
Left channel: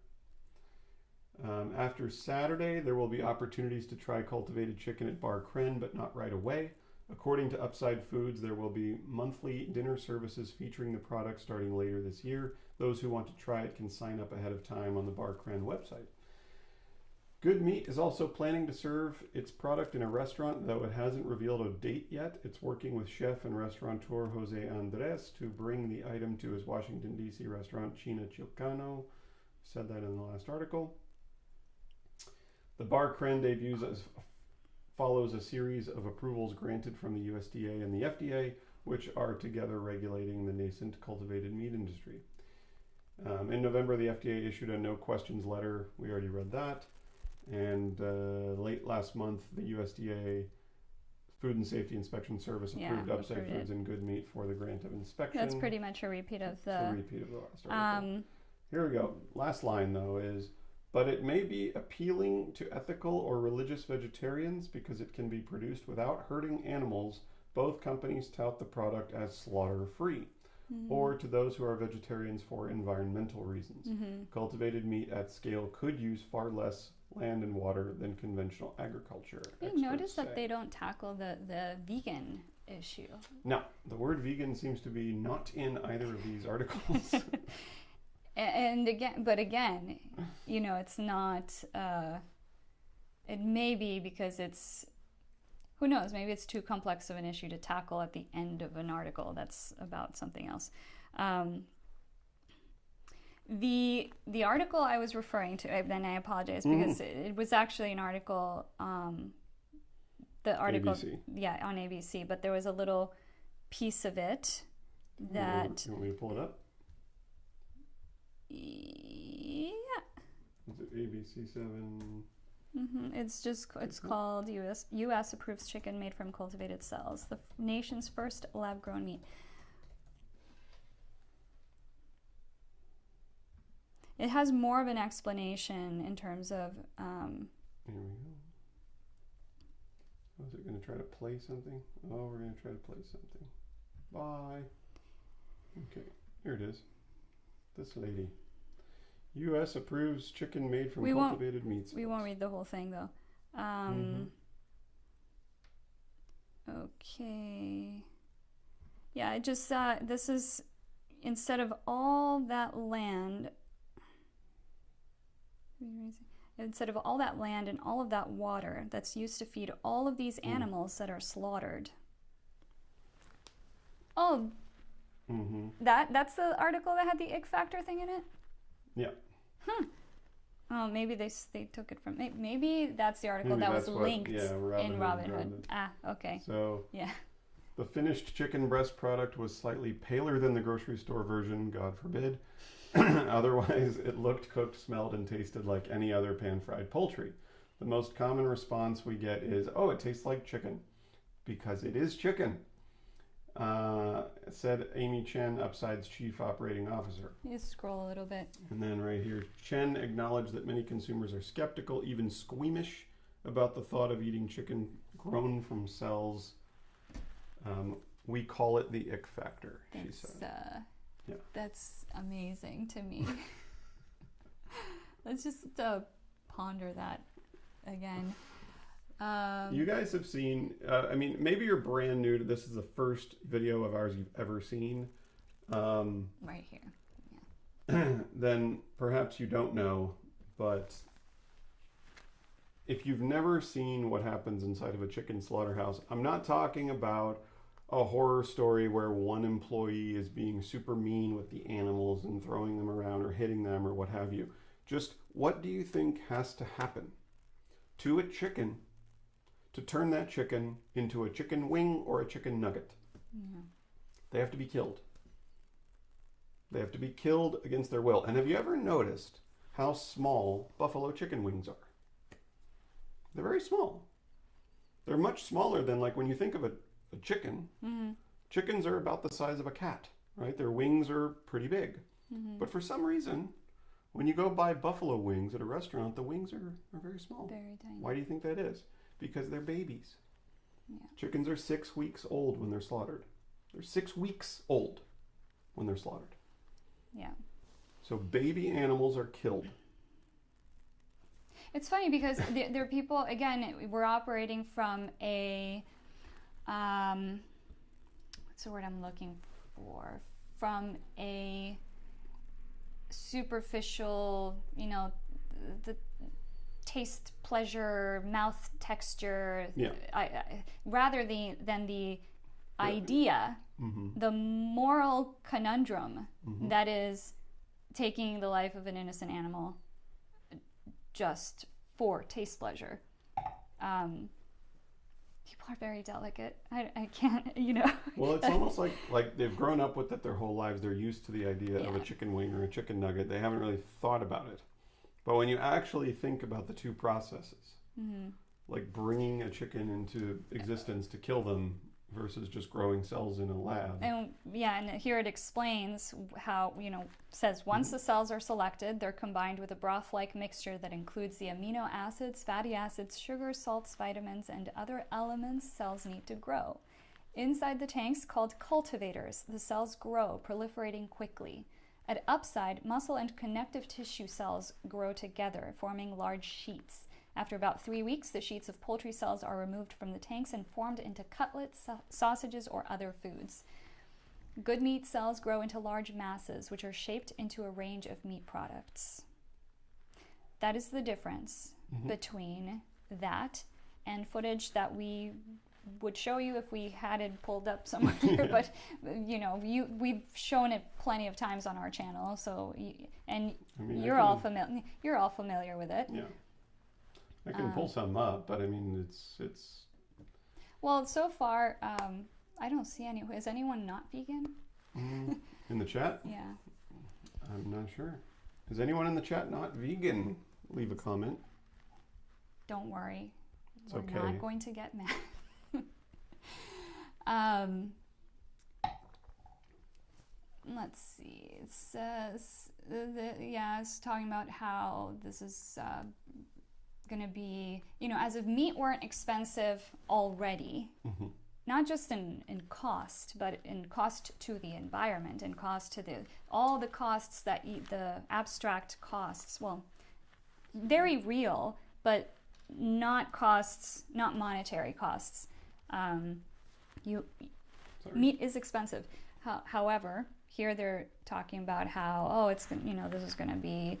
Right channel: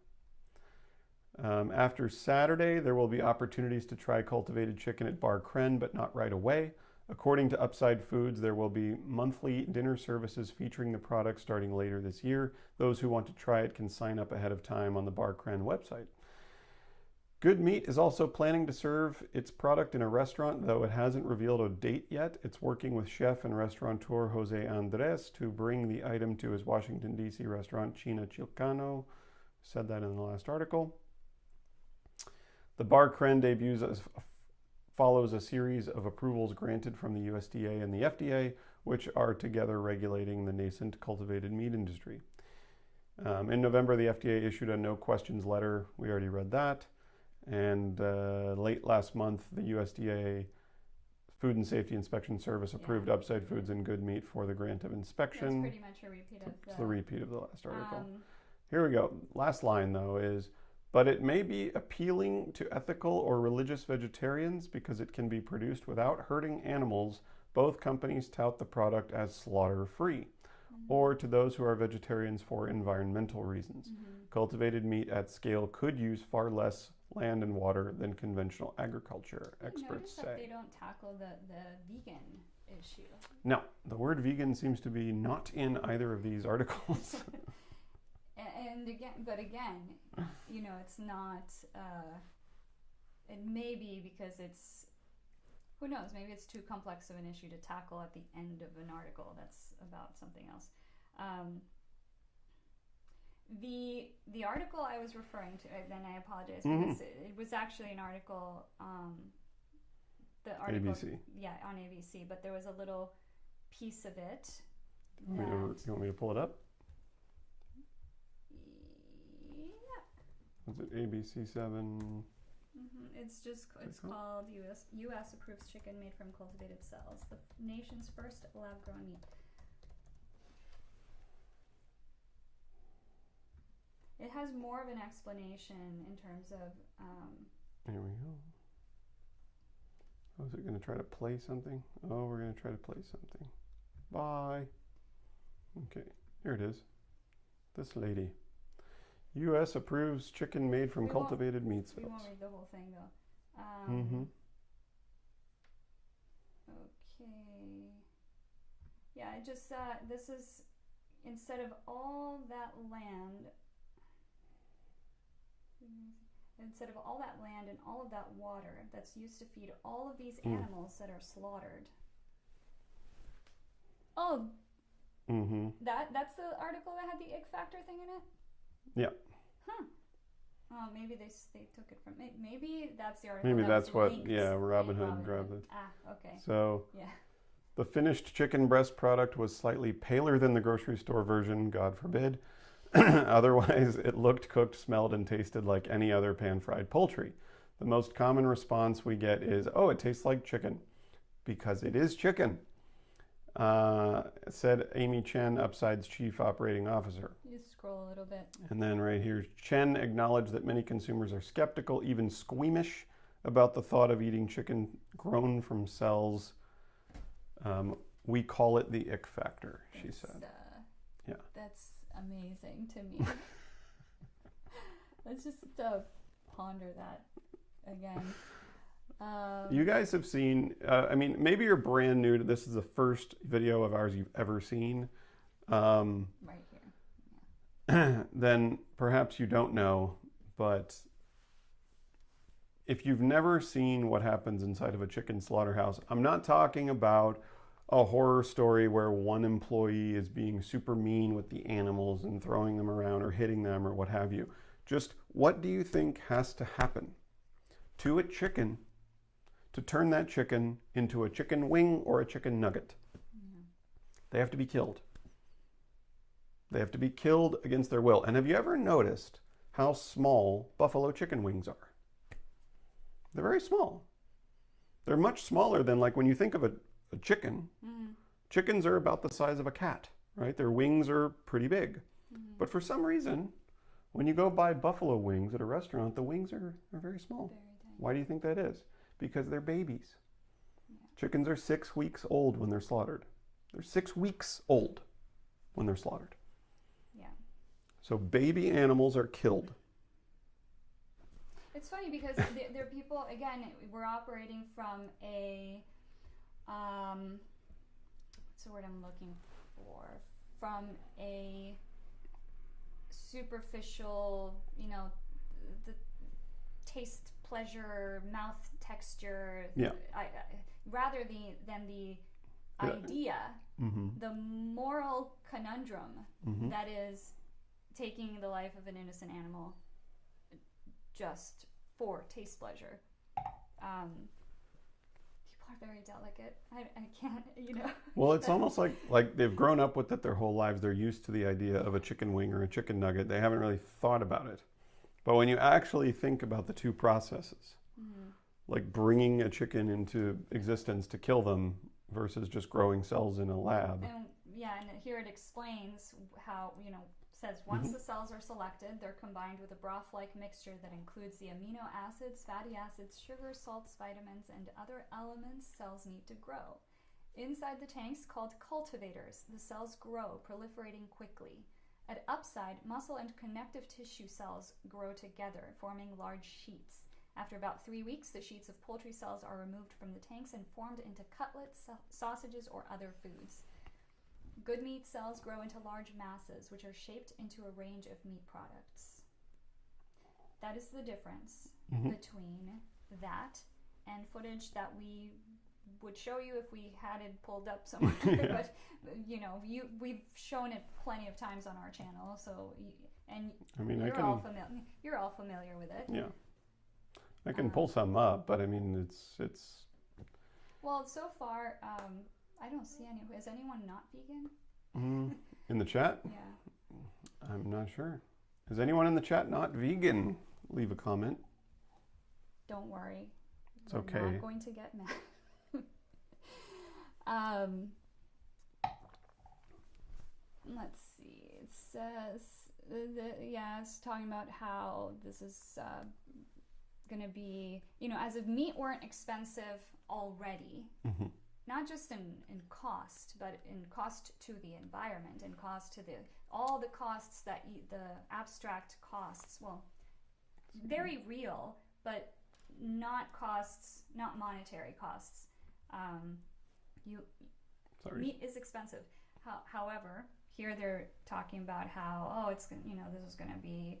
After Saturday, there will be opportunities to try cultivated chicken at Bar Cren, but not right away. According to Upside Foods, there will be monthly dinner services featuring the product starting later this year. Those who want to try it can sign up ahead of time on the Bar Cren website. Good Meat is also planning to serve its product in a restaurant, though it hasn't revealed a date yet. It's working with chef and restaurateur Jose Andres to bring the item to his Washington, D.C. restaurant, China Chilcano. Said that in the last article. The Bar Cren follows a series of approvals granted from the USDA and the FDA, which are together regulating the nascent cultivated meat industry. In November, the FDA issued a no questions letter. We already read that. And late last month, the USDA Food and Safety Inspection Service approved Upside Foods and Good Meat for the grant of inspection. That's pretty much a repeat of the last article. Here we go. Last line, though, is, but it may be appealing to ethical or religious vegetarians because it can be produced without hurting animals. Both companies tout the product as slaughter-free. Or to those who are vegetarians for environmental reasons. Cultivated meat at scale could use far less land and water than conventional agriculture. You notice that they don't tackle the vegan issue. No, the word vegan seems to be not in either of these articles. and again, you know, it's not, it may be because it's, who knows, maybe it's too complex of an issue to tackle at the end of an article that's about something else. The article I was referring to, and I apologize because it was actually an article, the article, ABC. Yeah, on ABC, but there was a little piece of it that... You want me to pull it up? Yeah. Was it ABC 7? It's called U.S. approves chicken made from cultivated cells, the nation's first lab-grown meat. It has more of an explanation in terms of. There we go. Oh, is it going to try to play something? Oh, we're going to try to play something. Bye. Okay, here it is. This lady. U.S. approves chicken made from cultivated meat cells. We won't read the whole thing, though. Okay. Yeah, it just, this is, instead of all that land and all of that water that's used to feed all of these animals that are slaughtered. Oh, that's the article that had the ick factor thing in it? Yeah. Oh, maybe they took it from. Maybe that's the article Maybe that that's was what, linked yeah, Robin in Hood Robin grabbed Hood. it. Ah, okay. So Yeah. the finished chicken breast product was slightly paler than the grocery store version, God forbid. Otherwise, it looked, cooked, smelled, and tasted like any other pan-fried poultry. The most common response we get is, oh, it tastes like chicken. Because it is chicken, said Amy Chen, Upside's chief operating officer. You scroll a little bit. And then right here, Chen acknowledged that many consumers are skeptical, even squeamish, about the thought of eating chicken grown from cells. We call it the ick factor, she said. Yeah. That's amazing to me. Let's just ponder that again. You guys have seen, I mean, maybe you're brand new to this. Is the first video of ours you've ever seen. Right here. Yeah. Then perhaps you don't know, but if you've never seen what happens inside of a chicken slaughterhouse, I'm not talking about a horror story where one employee is being super mean with the animals and throwing them around or hitting them or what have you. Just what do you think has to happen to a chicken to turn that chicken into a chicken wing or a chicken nugget? Yeah. They have to be killed. They have to be killed against their will. And have you ever noticed how small buffalo chicken wings are? They're very small. They're much smaller than, like, when you think of a chicken. Mm-hmm. Chickens are about the size of a cat, right? Their wings are pretty big. Mm-hmm. But for some reason, when you go buy buffalo wings at a restaurant, the wings are very small. Very tiny. Why do you think that is? Because they're babies. Yeah. Chickens are 6 weeks old when they're slaughtered. They're 6 weeks old when they're slaughtered. Yeah. So baby animals are killed. It's funny because there are people, again, we're operating from a, what's the word I'm looking for? From a superficial, the taste, pleasure, mouth texture, Yeah. rather than the idea, Mm-hmm. the moral conundrum Mm-hmm. that is taking the life of an innocent animal just for taste pleasure. People are very delicate. I can't, Well, it's almost like they've grown up with it their whole lives. They're used to the idea of a chicken wing or a chicken nugget. They haven't really thought about it. But when you actually think about the two processes, mm-hmm. like bringing a chicken into existence to kill them versus just growing cells in a lab. And here it explains how, says once Mm-hmm. the cells are selected, they're combined with a broth-like mixture that includes the amino acids, fatty acids, sugars, salts, vitamins, and other elements cells need to grow. Inside the tanks, called cultivators, the cells grow, proliferating quickly. At Upside, muscle and connective tissue cells grow together, forming large sheets. After about 3 weeks, the sheets of poultry cells are removed from the tanks and formed into cutlets, sausages, or other foods. Good meat cells grow into large masses, which are shaped into a range of meat products. That is the difference Mm-hmm. between that and footage that we would show you if we had it pulled up somewhere. Yeah. But we've shown it plenty of times on our channel, so you're all familiar with it. Yeah. I can pull some up, but I mean, it's. Well, so far, I don't see any. Is anyone not vegan? In the chat? Yeah. I'm not sure. Is anyone in the chat not vegan? Leave a comment. Don't worry. It's We're okay. not going to get mad. Let's see. It says, it's talking about how this is going to be, as if meat weren't expensive already, Mm-hmm. not just in cost, but in cost to the environment, and cost to all the costs that the abstract costs, well, very real, but not monetary costs. Meat is expensive. However, here they're talking about how, this is going to be,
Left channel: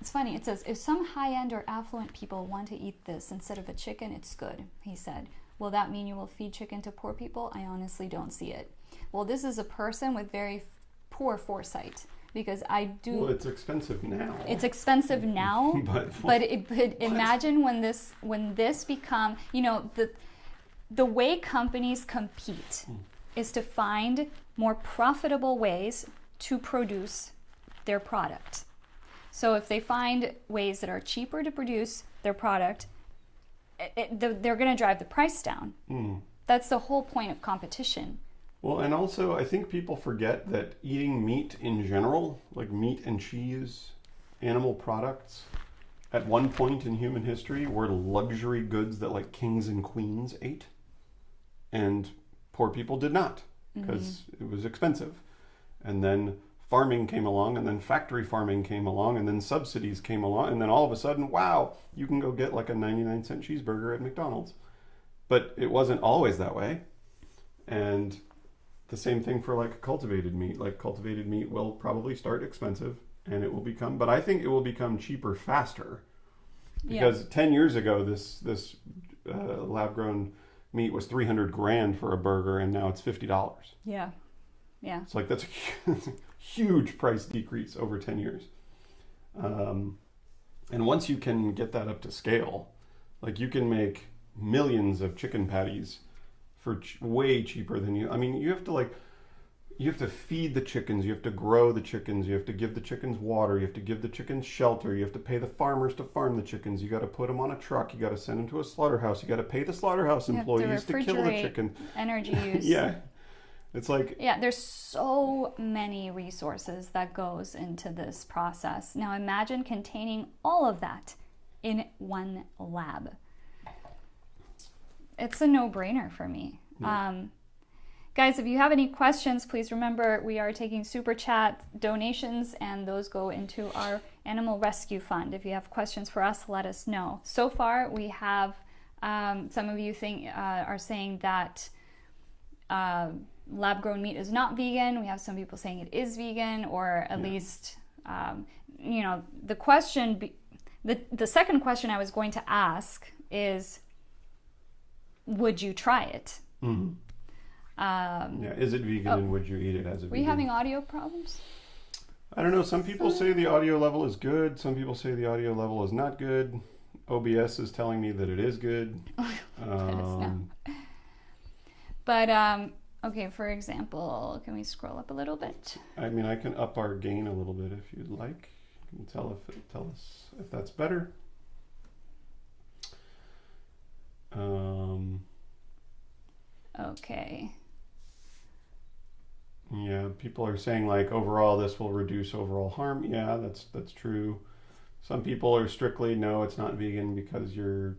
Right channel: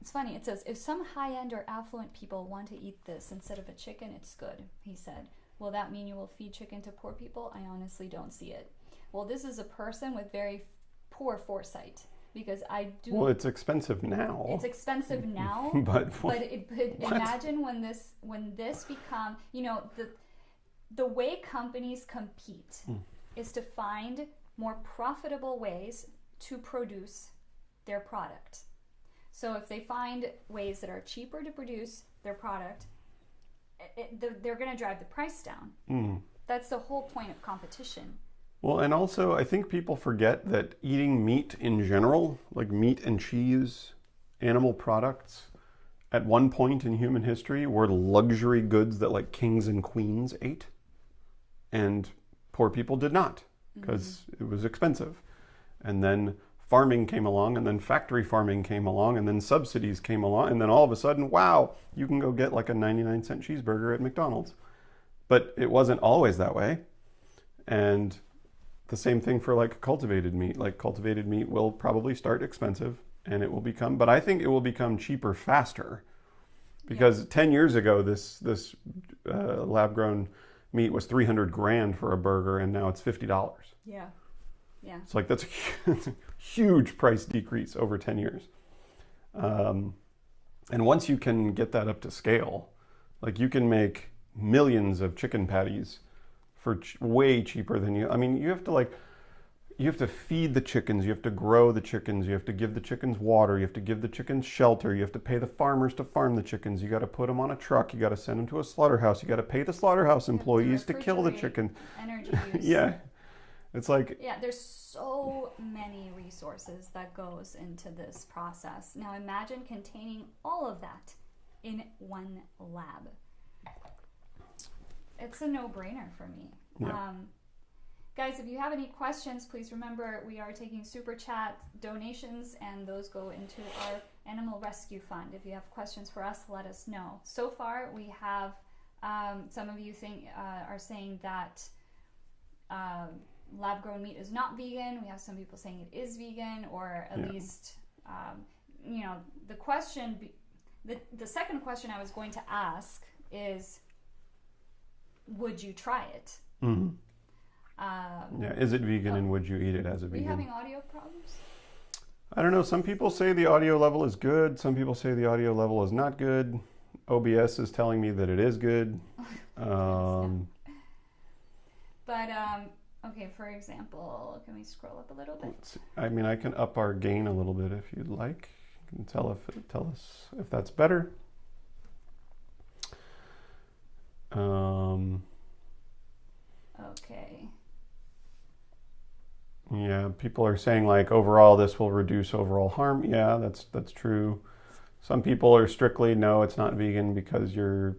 it's funny, it says, if some high-end or affluent people want to eat this instead of a chicken, it's good, he said. Will that mean you will feed chicken to poor people? I honestly don't see it. Well, this is a person with very poor foresight, because I do. Well, it's expensive now. It's expensive now, but imagine when this become, you know, the way companies compete is to find more profitable ways to produce their product. So if they find ways that are cheaper to produce their product, they're going to drive the price down. That's the whole point of competition. Well, and also I think people forget that eating meat in general, like meat and cheese, animal products, at one point in human history were luxury goods that like kings and queens ate, and poor people did not, because it was expensive. And then farming came along, and then factory farming came along, and then subsidies came along, and then all of a sudden, wow, you can go get like a 99-cent cheeseburger at McDonald's. But it wasn't always that way. And the same thing for like cultivated meat. Like cultivated meat will probably start expensive, and it will become, but I think it will become cheaper faster. Because 10 years ago, this lab-grown meat was $300,000 for a burger, and now it's $50. Yeah. It's like that's a huge price decrease over 10 years. And once you can get that up to scale, like you can make millions of chicken patties for way cheaper than you. I mean, you have to feed the chickens, you have to grow the chickens, you have to give the chickens water, you have to give the chickens shelter, you have to pay the farmers to farm the chickens, you got to put them on a truck, you got to send them to a slaughterhouse, you got to pay the slaughterhouse employees to kill the chicken. Energy use. Yeah. It's like... Yeah, there's so many resources that goes into this process. Now imagine containing all of that in one lab. It's a no-brainer for me. Yeah. Guys, if you have any questions, please remember we are taking super chat donations, and those go into our animal rescue fund. If you have questions for us, let us know. So far, we have some of you are saying that lab-grown meat is not vegan. We have some people saying it is vegan, or at least, you know, the question, the second question I was going to ask is, would you try it? Is it vegan, and would you eat it as a vegan? Were you having audio problems? I don't know. Some people say the audio level is good. Some people say the audio level is not good. OBS is telling me that it is good. But okay, for example, can we scroll up a little bit? I mean, I can up our gain a little bit if you'd like. You can tell us if that's better. Okay. Yeah, people are saying like overall this will reduce overall harm. Yeah, that's true. Some people are strictly no, it's not vegan because you're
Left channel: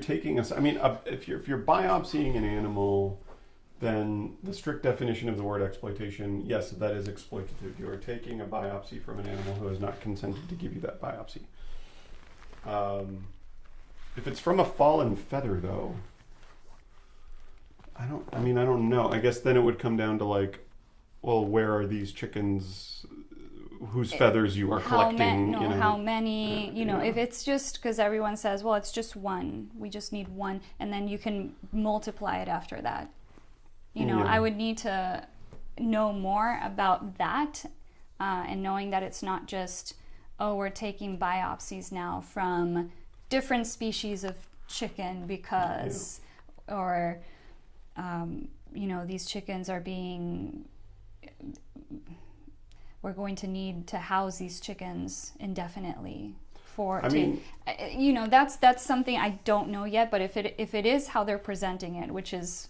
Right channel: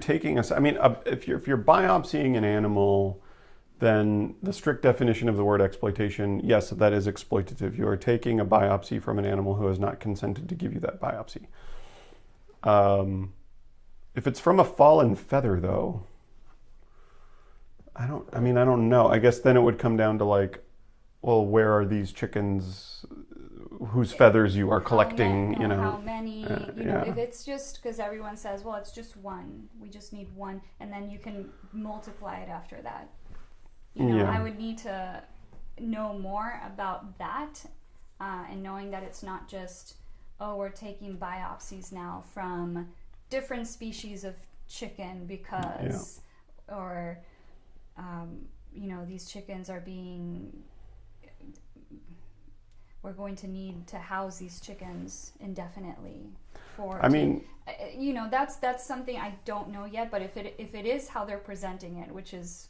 taking I mean, if you're biopsying an animal, then the strict definition of the word exploitation, yes, that is exploitative. You are taking a biopsy from an animal who has not consented to give you that biopsy. If it's from a fallen feather, though, I don't know. I guess then it would come down to like, well, where are these chickens whose feathers you are collecting? How many? If it's just because everyone says, well, it's just one. We just need one, and then you can multiply it after that. I would need to know more about that, and knowing that it's not just, oh, we're taking biopsies now from different species of chicken because, or, these chickens are we're going to need to house these chickens indefinitely that's something I don't know yet, but if it is how they're presenting it, which is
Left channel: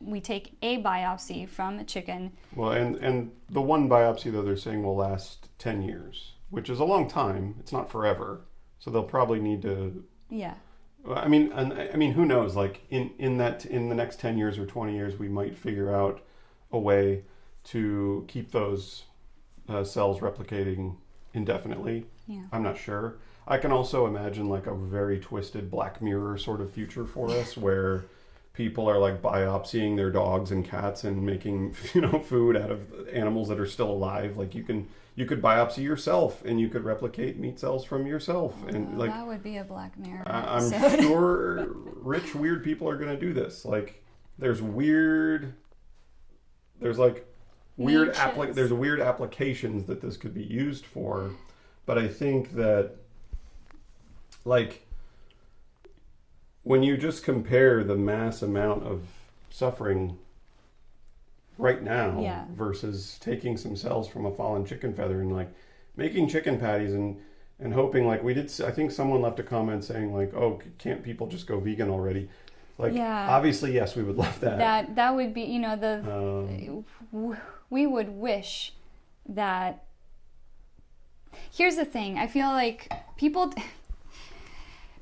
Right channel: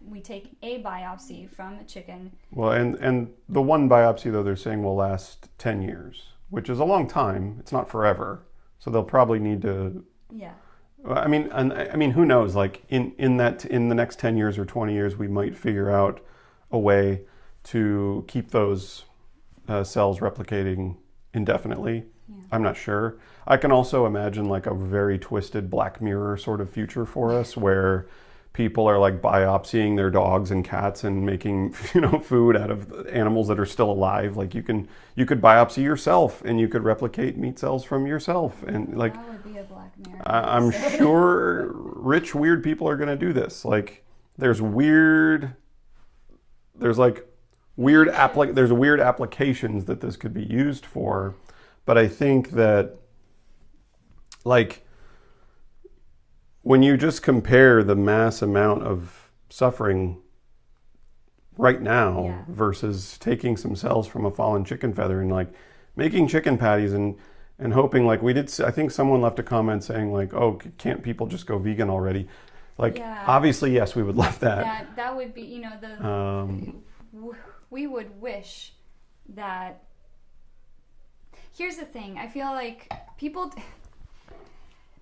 we take a biopsy from a chicken. Well, and the one biopsy, though, they're saying will last 10 years, which is a long time. It's not forever. So they'll probably need to... Yeah. I mean, who knows? Like in the next 10 years or 20 years, we might figure out a way to keep those cells replicating indefinitely. Yeah. I'm not sure. I can also imagine like a very twisted Black Mirror sort of future for us where people are like biopsying their dogs and cats and making food out of animals that are still alive. Like you could biopsy yourself and you could replicate meat cells from yourself, and like that would be a Black Mirror. I'm sure rich weird people are going to do this. Like there's like there's weird applications that this could be used for, but I think that, like, when you just compare the mass amount of suffering right now versus taking some cells from a fallen chicken feather and like making chicken patties and hoping, like we did, I think someone left a comment saying like, oh, can't people just go vegan already? Like, obviously, yes, we would love that. That would be, you know, we would wish that. Here's the thing. I feel like people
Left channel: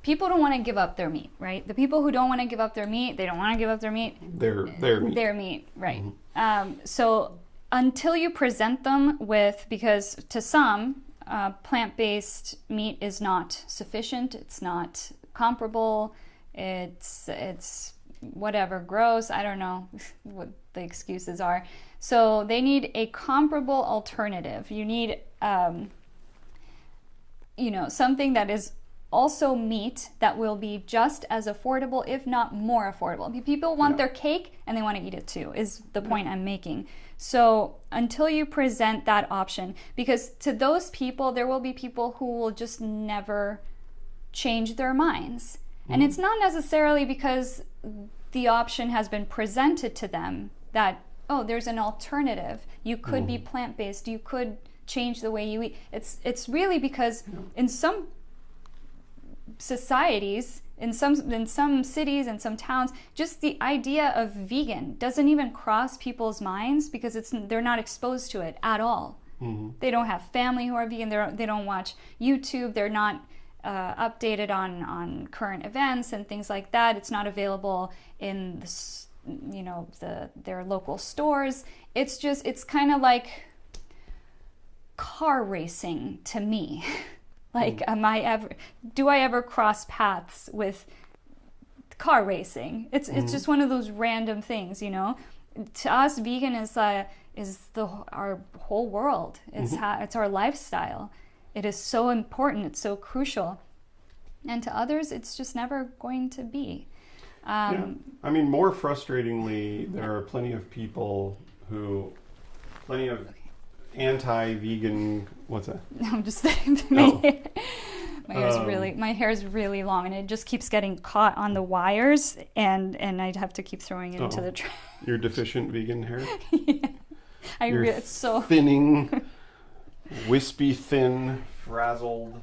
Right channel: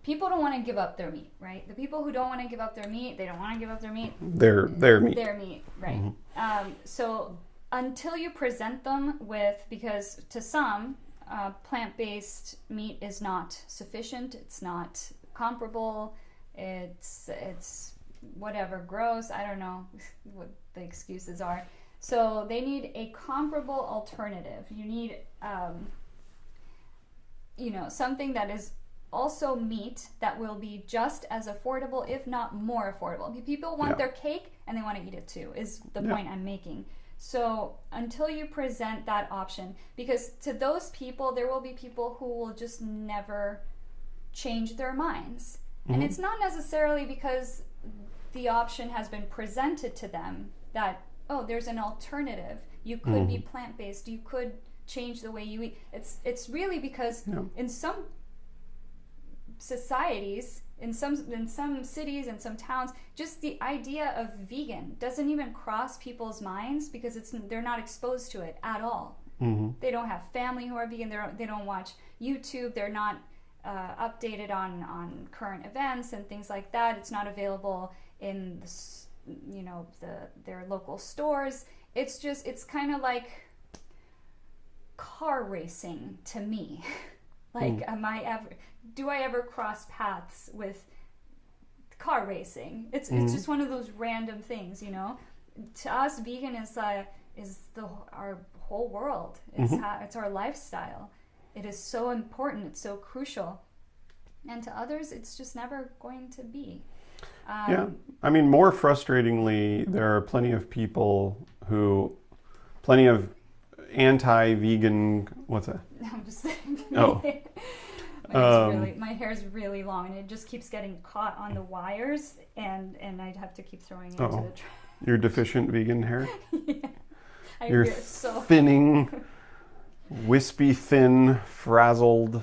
don't want to give up their meat, right? The people who don't want to give up their meat, they don't want to give up their meat. Their meat. Their meat, right. Mm-hmm. So until you present them with, because to some, plant-based meat is not sufficient, it's not comparable, it's whatever, gross, I don't know what the excuses are. So they need a comparable alternative. You need, you know, something that is also meat that will be just as affordable, if not more affordable. People want their cake and they want to eat it too, is the point I'm making. So until you present that option, because to those people, there will be people who will just never change their minds. Mm-hmm. And it's not necessarily because the option has been presented to them that, oh, there's an alternative. You could be plant-based. You could change the way you eat. It's really because in some societies, in some cities and some towns, just the idea of vegan doesn't even cross people's minds because they're not exposed to it at all. Mm-hmm. They don't have family who are vegan. They don't watch YouTube. They're not updated on current events and things like that. It's not available in their local stores. It's kind of like car racing to me. Like, do I ever cross paths with car racing? It's just one of those random things, you know. To us, vegan is our whole world. It's our lifestyle. It is so important. It's so crucial. And to others, it's just never going to be. I mean, more frustratingly, there are plenty of anti-vegan. What's that? I'm just saying. My hair is really long, and it just keeps getting caught on the wires, and I'd have to keep throwing it into the trash. Your deficient vegan hair. Your thinning, wispy, thin, frazzled,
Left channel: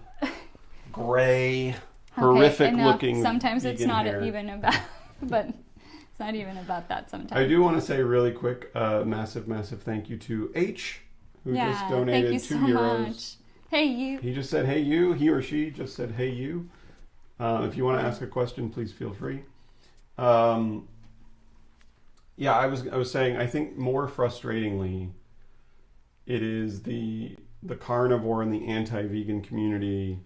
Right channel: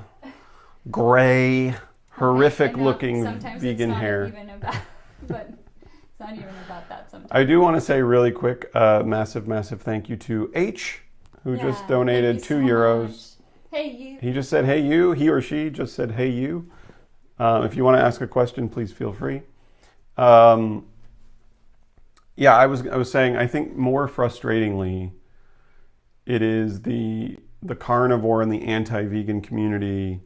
gray, horrific-looking vegan hair. Sometimes it's not even about, but it's not even about that. Sometimes I do want to say really quick, massive thank you to H, who just donated €2. Much. Hey you. He just said hey you. He or she just said hey you. If you want to ask a question, please feel free. I was saying, I think more frustratingly, it is the carnivore and the anti-vegan community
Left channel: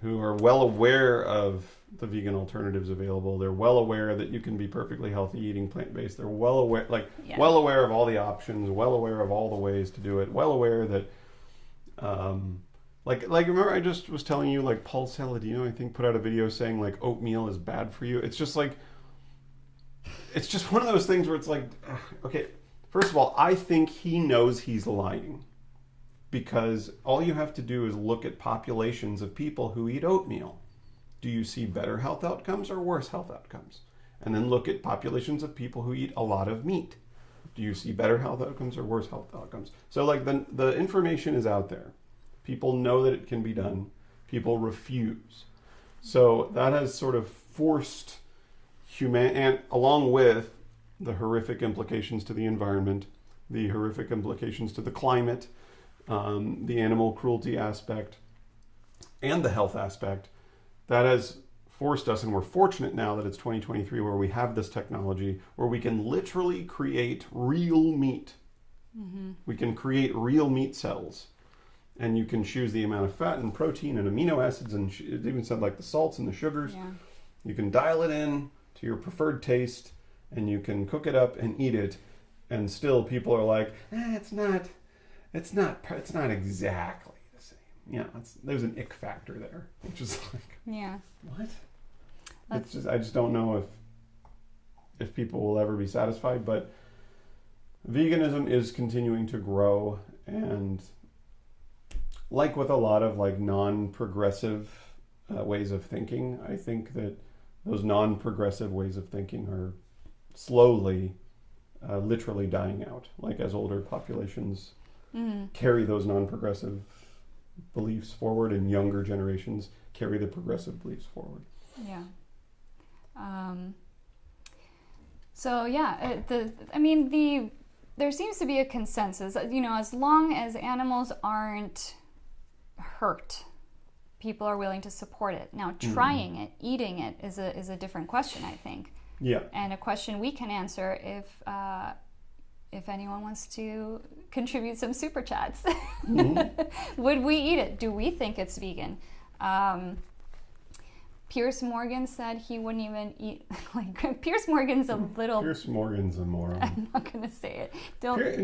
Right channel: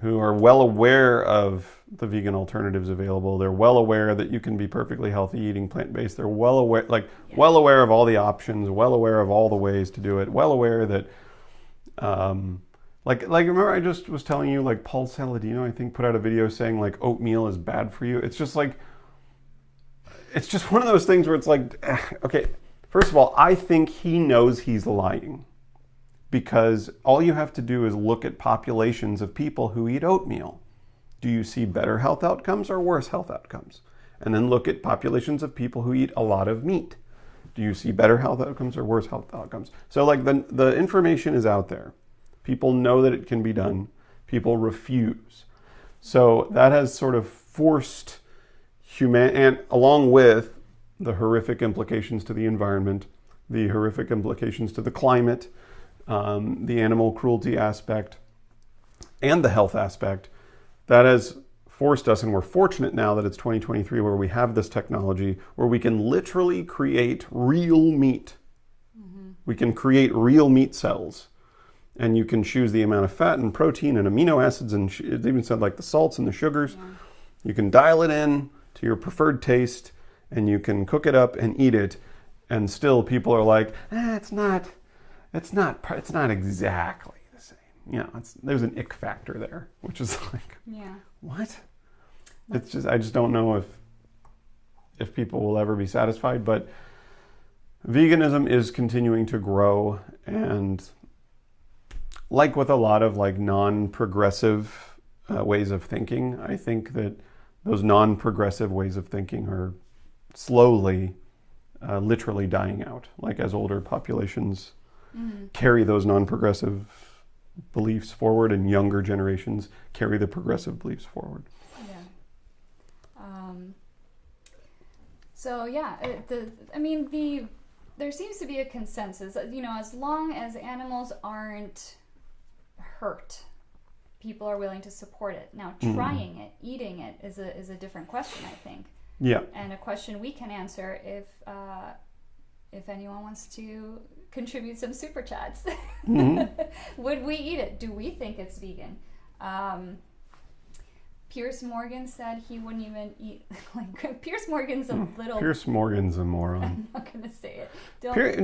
who are well aware of the vegan alternatives available. They're well aware that you can be perfectly healthy eating plant-based. They're well aware, well aware of all the options, well aware of all the ways to do it, well aware that, remember I just was telling you, like, Paul Saladino, I think, put out a video saying, like, oatmeal is bad for you. It's just like, it's just one of those things where it's like, okay, first of all, I think he knows he's lying, because all you have to do is look at populations of people who eat oatmeal. Do you see better health outcomes or worse health outcomes? And then look at populations of people who eat a lot of meat. Do you see better health outcomes or worse health outcomes? So, like, the information is out there. People know that it can be done. People refuse. So that has sort of forced and along with the horrific implications to the environment, the horrific implications to the climate, the animal cruelty aspect, and the health aspect, that has forced us, and we're fortunate now that it's 2023 where we have this technology where we can literally create real meat. Mm-hmm. We can create real meat cells, and you can choose the amount of fat and protein and amino acids, and it even said like the salts and the sugars. Yeah. You can dial it in to your preferred taste, and you can cook it up and eat it, and still people are like, it's not exactly the same. Yeah, there's an ick factor there, which is like, what? It's just, I just don't know if people will ever be satisfied. But veganism is continuing to grow, and like with a lot of like non-progressive ways of thinking, I think that those non-progressive ways of thinking are slowly, literally dying out. Like as older populations carry those non-progressive beliefs forward, and younger generations carry the progressive beliefs forward. Yeah. There seems to be a consensus. As long as animals aren't hurt, people are willing to support it. Now, trying it, eating it, is a different question, I think. Yeah. And a question we can answer if anyone wants to contribute some super chats. Would we eat it? Do we think it's vegan? Piers Morgan said he wouldn't even eat. Like Piers Morgan's a little. Pierce Morgan's a moron. I'm not gonna say it.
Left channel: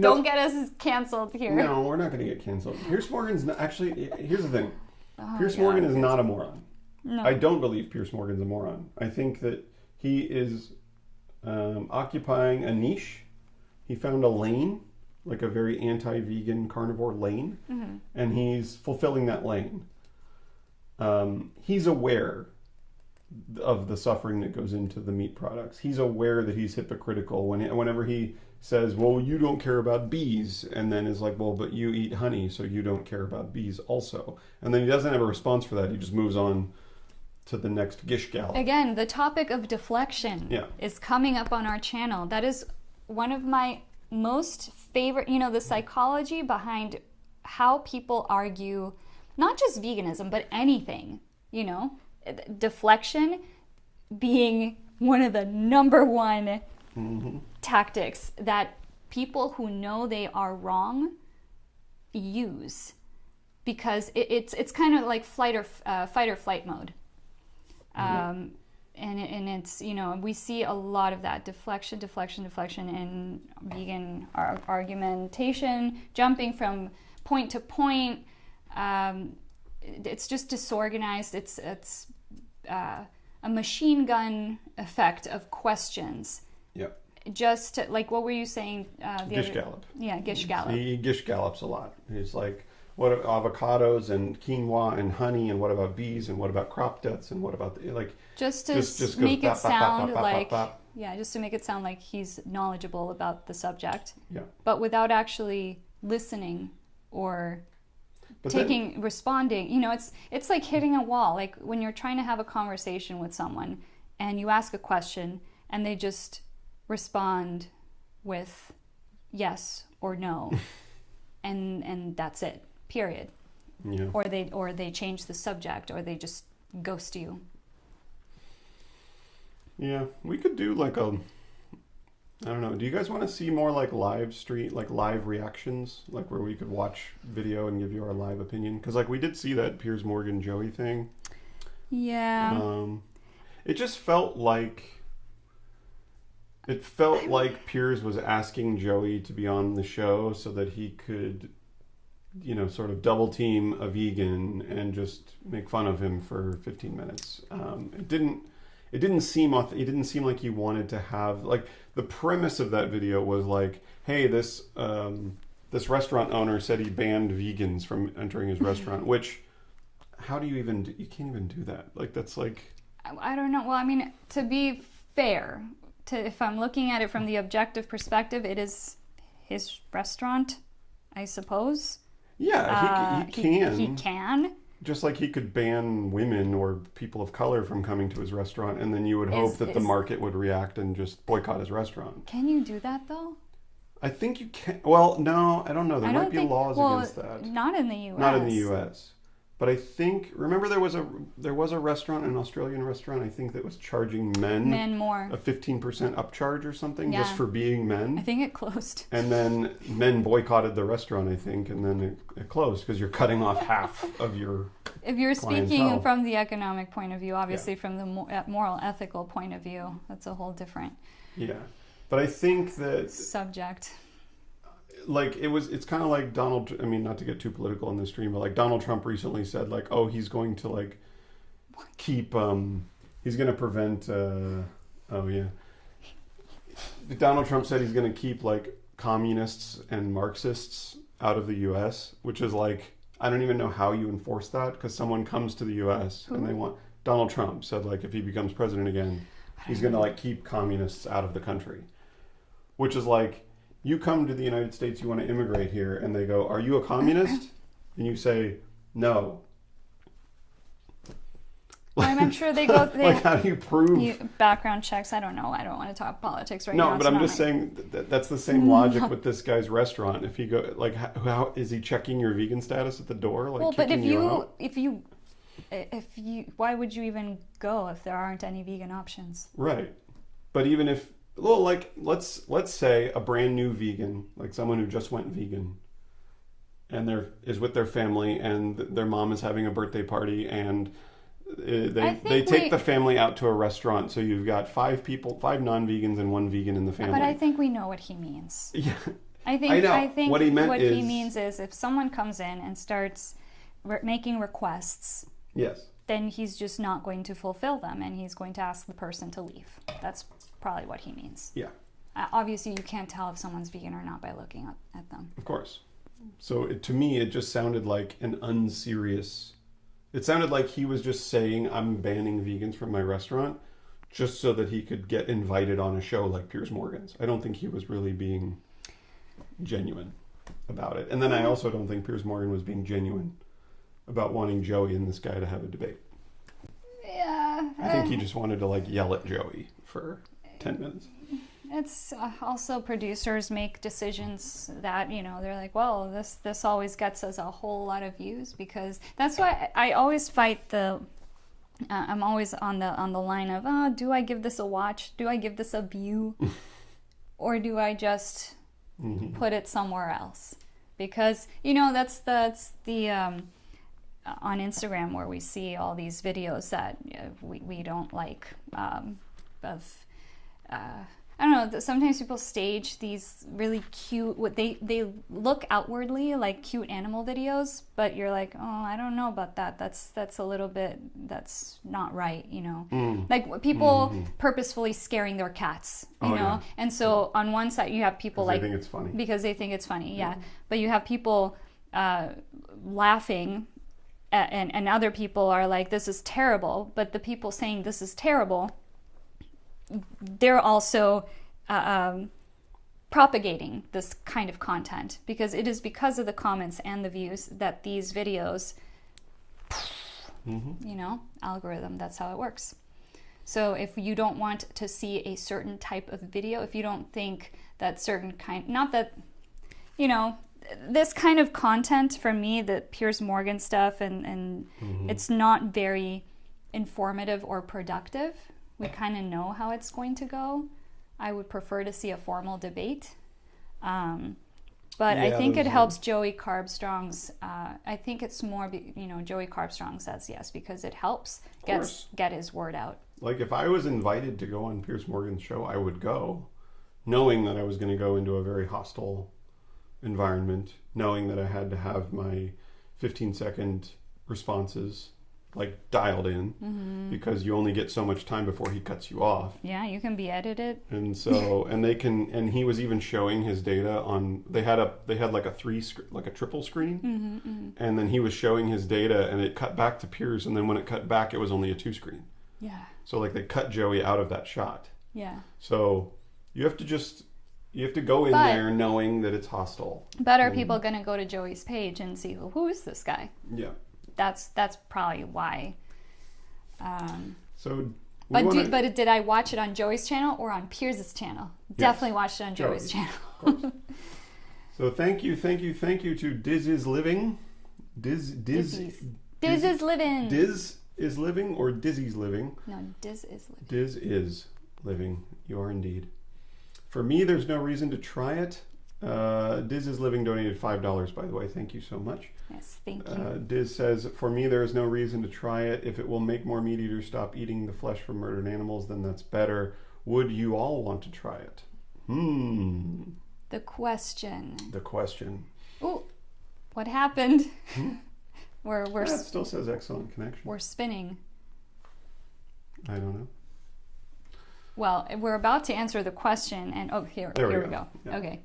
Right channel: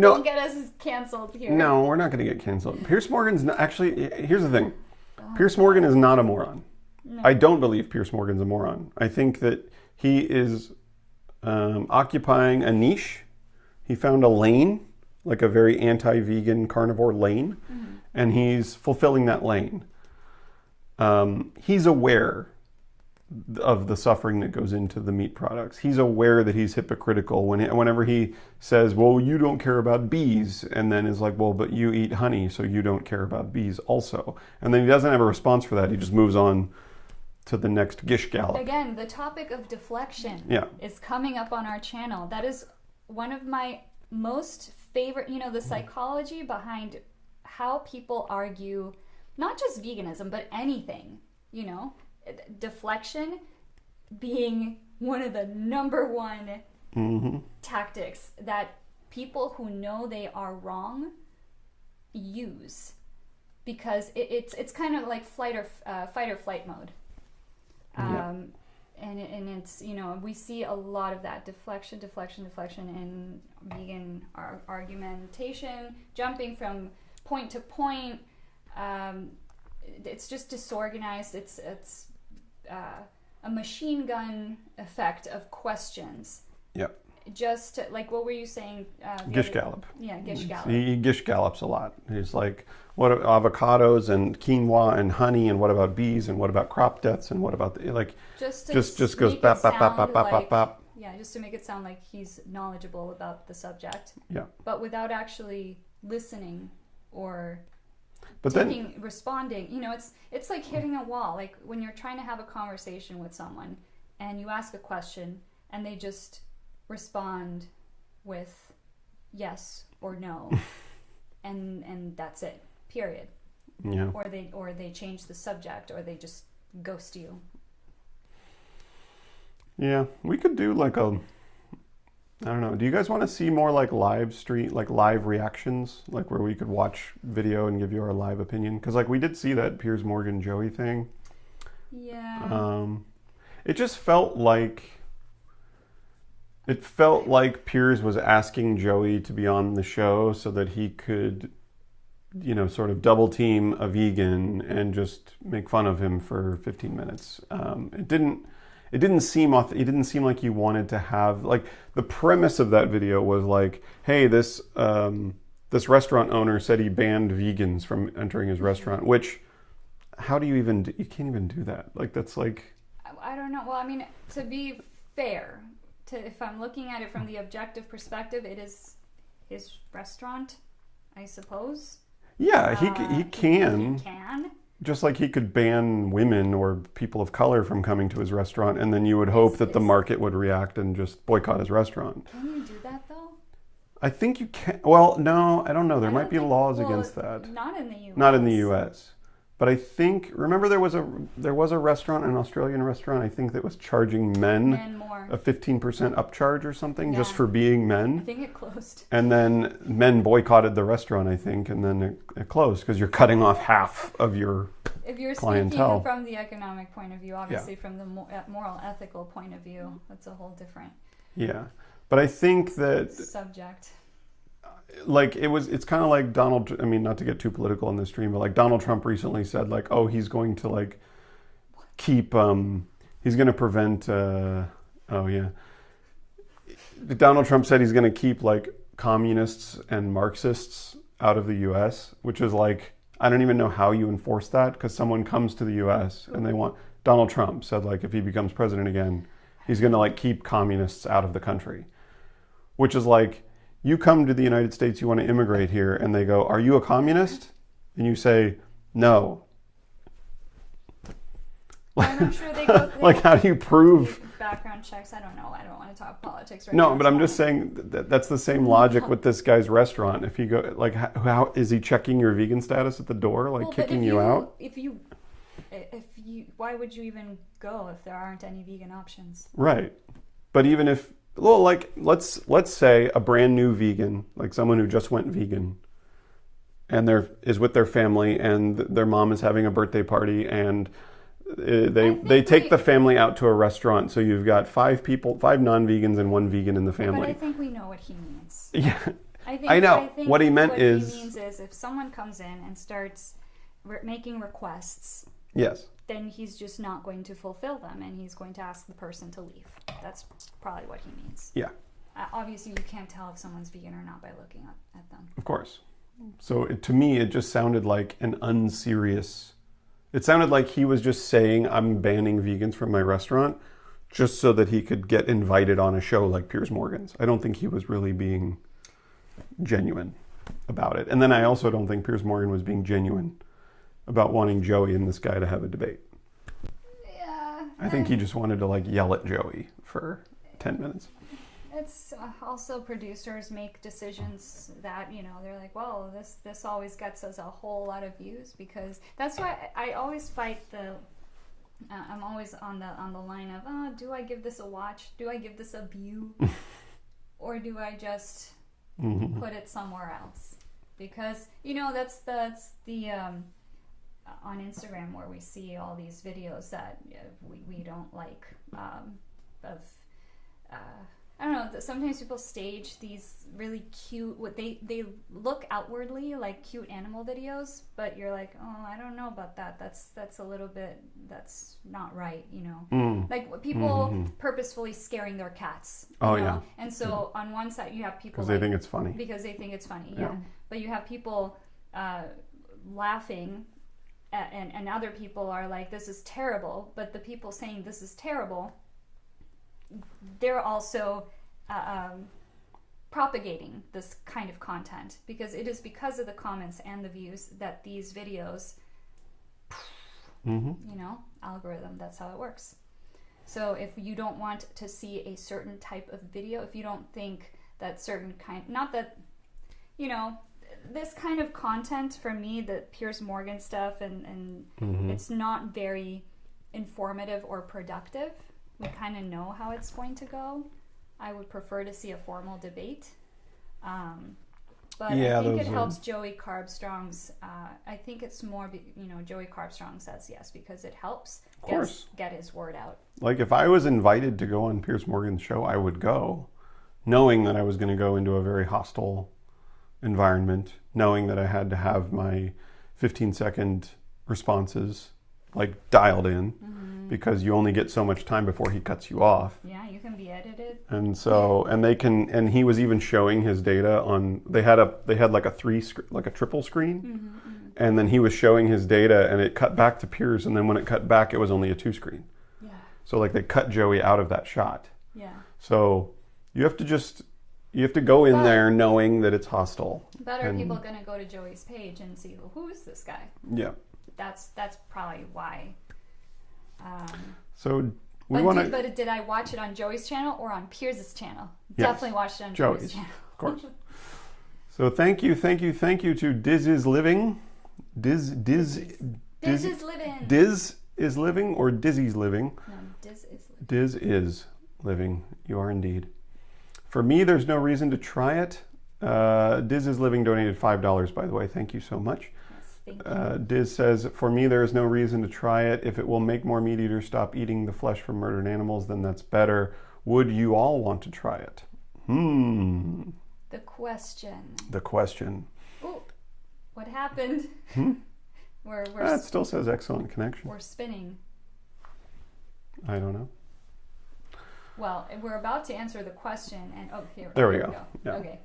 Don't get us canceled here. No, we're not gonna get canceled. Pierce Morgan's not, actually. Here's the thing. Pierce Morgan is not a moron. No. I don't believe Piers Morgan's a moron. I think that he is occupying a niche. He found a lane, like a very anti-vegan carnivore lane, and he's fulfilling that lane. He's aware of the suffering that goes into the meat products. He's aware that he's hypocritical whenever he says, well, you don't care about bees, and then is like, well, but you eat honey, so you don't care about bees also. And then he doesn't have a response for that. He just moves on to the next gish gallop. Again, the topic of deflection is coming up on our channel. That is one of my most favorite, the psychology behind how people argue, not just veganism, but anything, deflection being one of the number one tactics that people who know they are wrong use, because it's kind of like fight or flight mode. And it's, we see a lot of that deflection in vegan argumentation, jumping from point to point. It's just disorganized. It's a machine gun effect of questions. Yep. Just like, what were you saying? Gish gallop. Yeah, gish gallop. He gish gallops a lot. He's like, what avocados and quinoa and honey, and what about bees, and what about crop deaths, and what about just goes bop, bop, bop, bop, bop. Yeah, just to make it sound like he's knowledgeable about the subject. Yeah. But without actually listening or but responding. It's like hitting a wall. Like when you're trying to have a conversation with someone and you ask a question and they just respond with yes or no, and that's it. Period. Yeah. Or they change the subject, or they just ghost you. Yeah, we could do like I don't know. Do you guys want to see more like live reactions, like where we could watch video and give you our live opinion? Because like we did see that Piers Morgan Joey thing. Yeah. It just felt like Piers was asking Joey to be on the show so that he could, sort of double team a vegan and just make fun of him for 15 minutes. It didn't seem like he wanted to have, like, the premise of that video was like, hey, this restaurant owner said he banned vegans from entering his restaurant, which, how do you can't even do that. Like, that's like, I don't know. Well, I mean, to be fair, if I'm looking at it from the objective perspective, it is his restaurant, I suppose. Yeah, he can. He can. Just like he could ban women or people of color from coming to his restaurant, and then you would hope that the market would react and just boycott his restaurant. Can you do that, though? I think you can. Well, no, I don't know. There might be laws against that. Not in the U.S. Not in the U.S. But I think, remember there was a restaurant, an Australian restaurant, I think, that was charging men more. A 15% upcharge or something just for being men. I think it closed. And then men boycotted the restaurant, I think, and then it closed because you're cutting off half of your If you're clientele. Speaking from the economic point of view, obviously from the moral, ethical point of view, that's a whole different But I think that subject. Like it's kind of like not to get too political on this stream, but like Donald Trump recently said, like, oh, he's going to like keep he's going to prevent Donald Trump said he's going to keep like communists and Marxists out of the U.S., which is like, I don't even know how you enforce that, because someone comes to the U.S. and they want, Donald Trump said, like, if he becomes president again, he's going to, like, keep communists out of the country. Which is like, you come to the United States, you want to immigrate here, and they go, are you a communist? And you say, no. And I'm sure they go... like, how do you prove... Background checks, I don't know. I don't want to talk politics right now. No, but I'm just saying that's the same logic with this guy's restaurant. If you go, like, how is he checking your vegan status at the door? Like, kicking you out? If you... Why would you even go if there aren't any vegan options? Right. But even if... Well, like, let's say a brand new vegan, like someone who just went vegan, and is with their family, and their mom is having a birthday party, and they take the family out to a restaurant. So you've got 5 non-vegans and 1 vegan in the family. But I think we know what he means. Yeah, I know. I think what he meant is... What he means is if someone comes in and starts making requests... Yes. Then he's just not going to fulfill them, and he's going to ask the person to leave. That's probably what he means. Yeah. Obviously, you can't tell if someone's vegan or not by looking at them. Of course. So to me, it just sounded like an unserious... It sounded like he was just saying, I'm banning vegans from my restaurant, just so that he could get invited on a show like Piers Morgan's. I don't think he was really being genuine about it. And then I also don't think Piers Morgan was being genuine about wanting Joey and this guy to have a debate. Yeah. I think he just wanted to, like, yell at Joey for 10 minutes. It's also producers make decisions that, you know, they're like, well, this always gets us a whole lot of views, because that's why I always fight I'm always on the line of, do I give this a watch? Do I give this a view? Or do I just put it somewhere else? Because, you know, that's the on Instagram where we see all these videos that we don't like I don't know, sometimes people stage these really cute, they look outwardly like cute animal videos, but you're like, oh, I don't know about that. That's a little bit, that's not right, you know. Like people purposefully scaring their cats, you know. Yeah. And so on one side you have people like... they think it's funny. Because they think it's funny, yeah. But you have people laughing, and other people are like, this is terrible. But the people saying this is terrible, they're also propagating this kind of content, because it is because of the comments and the views that these videos, you know, algorithm, that's how it works. So if you don't want to see a certain type of video, if you don't think that certain kind, not that, you know, this kind of content for me, the Piers Morgan stuff, and it's not very informative or productive. We kind of know how it's going to go. I would prefer to see a formal debate. But yeah, I think it helps Joey Carbstrong's, I think it's more, you know, Joey Carbstrong says yes, because it helps get his word out. Like if I was invited to go on Piers Morgan's show, I would go, knowing that I was going to go into a very hostile environment, knowing that I had to have my 15-second responses like dialed in, because you only get so much time before he cuts you off. Yeah, you can be edited. And so, and he was even showing his data on, they had like a triple screen, and then he was showing his data, and it cut back to Piers, and then when it cut back, it was only a 2 screen. Yeah. So like they cut Joey out of that shot. Yeah. So you have to go in there knowing that it's hostile. But are people going to go to Joey's page and see, well, who is this guy? Yeah. That's probably why. But did I watch it on Joey's channel or on Piers' channel? Yes. Definitely watched it on Joey's channel. Of course. So thank you to Diz is Living. Diz is Living. Diz is Living or Dizzy's Living? No, Diz is Living. Diz is Living. You are indeed. For me, there's no reason to try it. Diz is Living donated $5, by the way. Thank you so much. Thank you. Diz says, for me, there is no reason to try it. If it will make more meat eaters stop eating the flesh from murdered animals, then that's better. Would you all want to try it? The question. Ooh, what happened? It still says excellent connection. We're spinning. I don't know. Well, we're about to answer the question, and here we go. Yeah. Okay.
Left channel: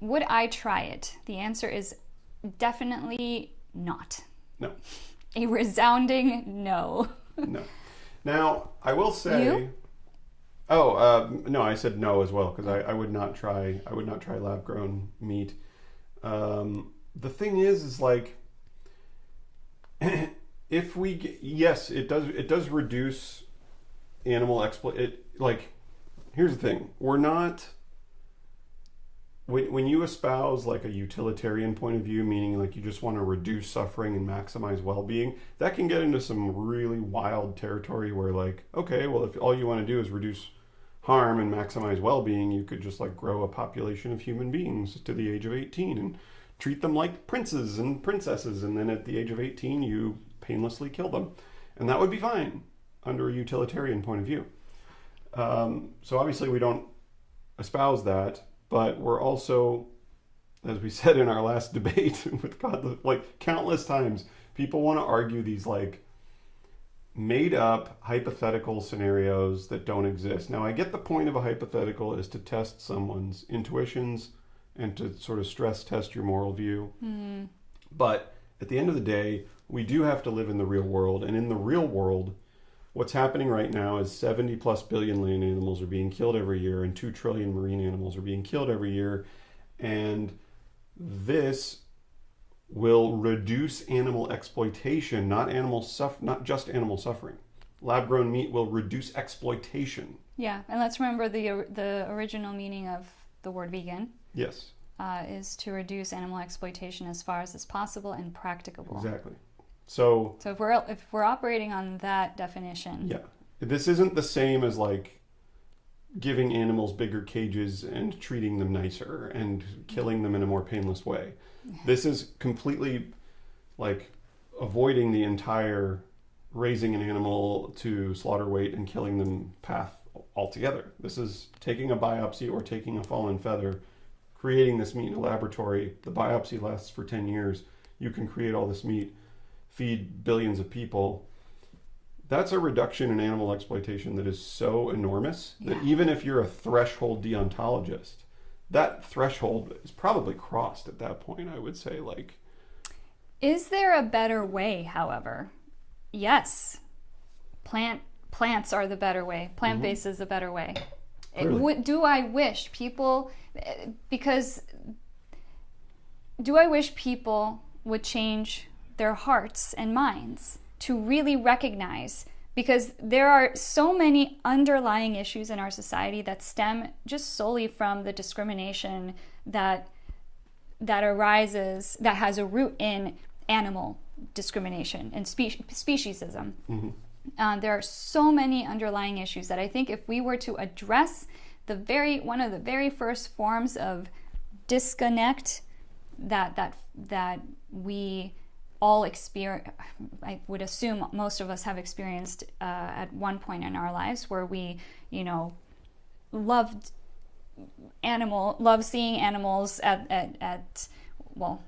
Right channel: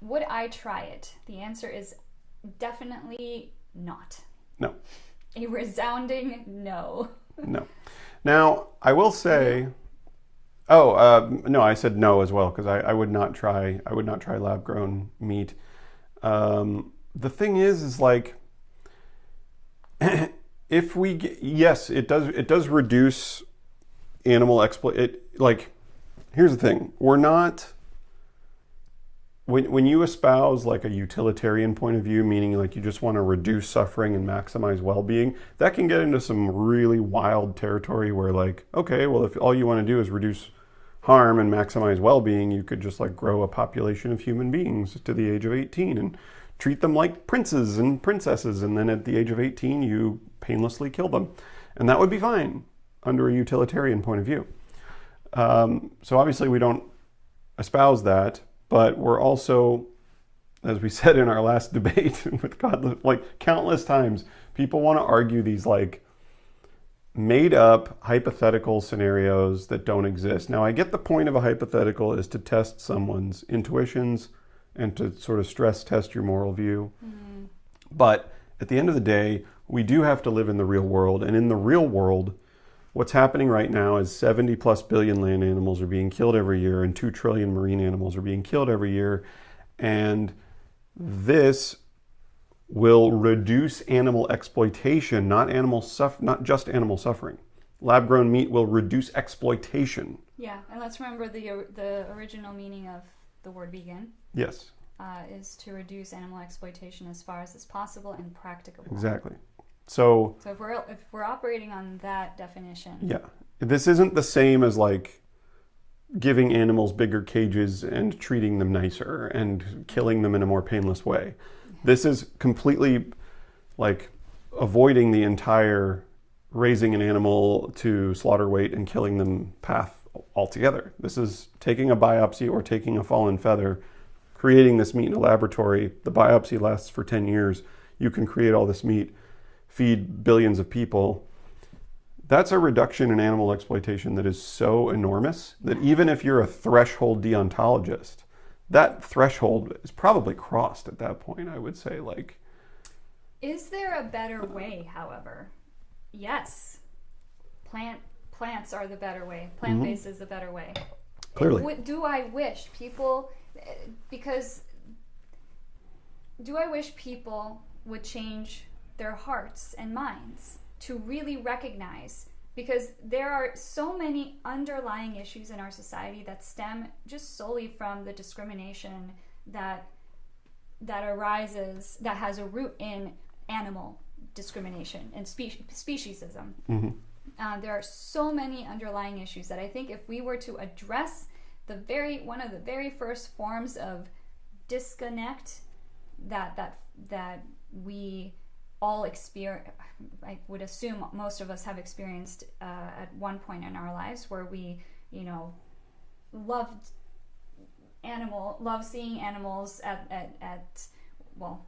Would I try it? The answer is definitely not. No. A resounding no. No. Now, I will say... You? No, I said no as well, because I would not try lab-grown meat. The thing is like, if we yes, it does reduce animal like, here's the thing, we're not, when you espouse like a utilitarian point of view, meaning like you just want to reduce suffering and maximize well-being, that can get into some really wild territory where like, okay, well, if all you want to do is reduce harm and maximize well-being, you could just like grow a population of human beings to the age of 18 and treat them like princes and princesses, and then at the age of 18 you painlessly kill them, and that would be fine under a utilitarian point of view. So obviously we don't espouse that, but we're also, as we said in our last debate with God, like countless times, people want to argue these like made up hypothetical scenarios that don't exist. Now, I get the point of a hypothetical is to test someone's intuitions and to sort of stress test your moral view. But at the end of the day, we do have to live in the real world. And in the real world, what's happening right now is 70 plus billion land animals are being killed every year, and 2 trillion marine animals are being killed every year. And this will reduce animal exploitation, not just animal suffering. Lab-grown meat will reduce exploitation. Yeah, and let's remember the original meaning of the word vegan. Yes. Is to reduce animal exploitation as far as is possible and practicable. Exactly. So if we're operating on that definition. Yeah. This isn't the same as like giving animals bigger cages and treating them nicer and killing them in a more painless way. This is completely like avoiding the entire raising an animal to slaughter weight and killing them path altogether. This is taking a biopsy or taking a fallen feather, creating this meat in a laboratory. The biopsy lasts for 10 years. You can create all this meat, feed billions of people. That's a reduction in animal exploitation that is so enormous that even if you're a threshold deontologist, that threshold is probably crossed at that point, I would say. Like, is there a better way, however? Yes. Plants are the better way. Plant-based is the better way. Clearly. Do I wish people, do I wish people would change their hearts and minds to really recognize, because there are so many underlying issues in our society that stem just solely from the discrimination that arises, that has a root in animal discrimination and speciesism. There are so many underlying issues that I think if we were to address one of the very first forms of disconnect that we all experience, I would assume most of us have experienced at one point in our lives, where we, love seeing animals at well,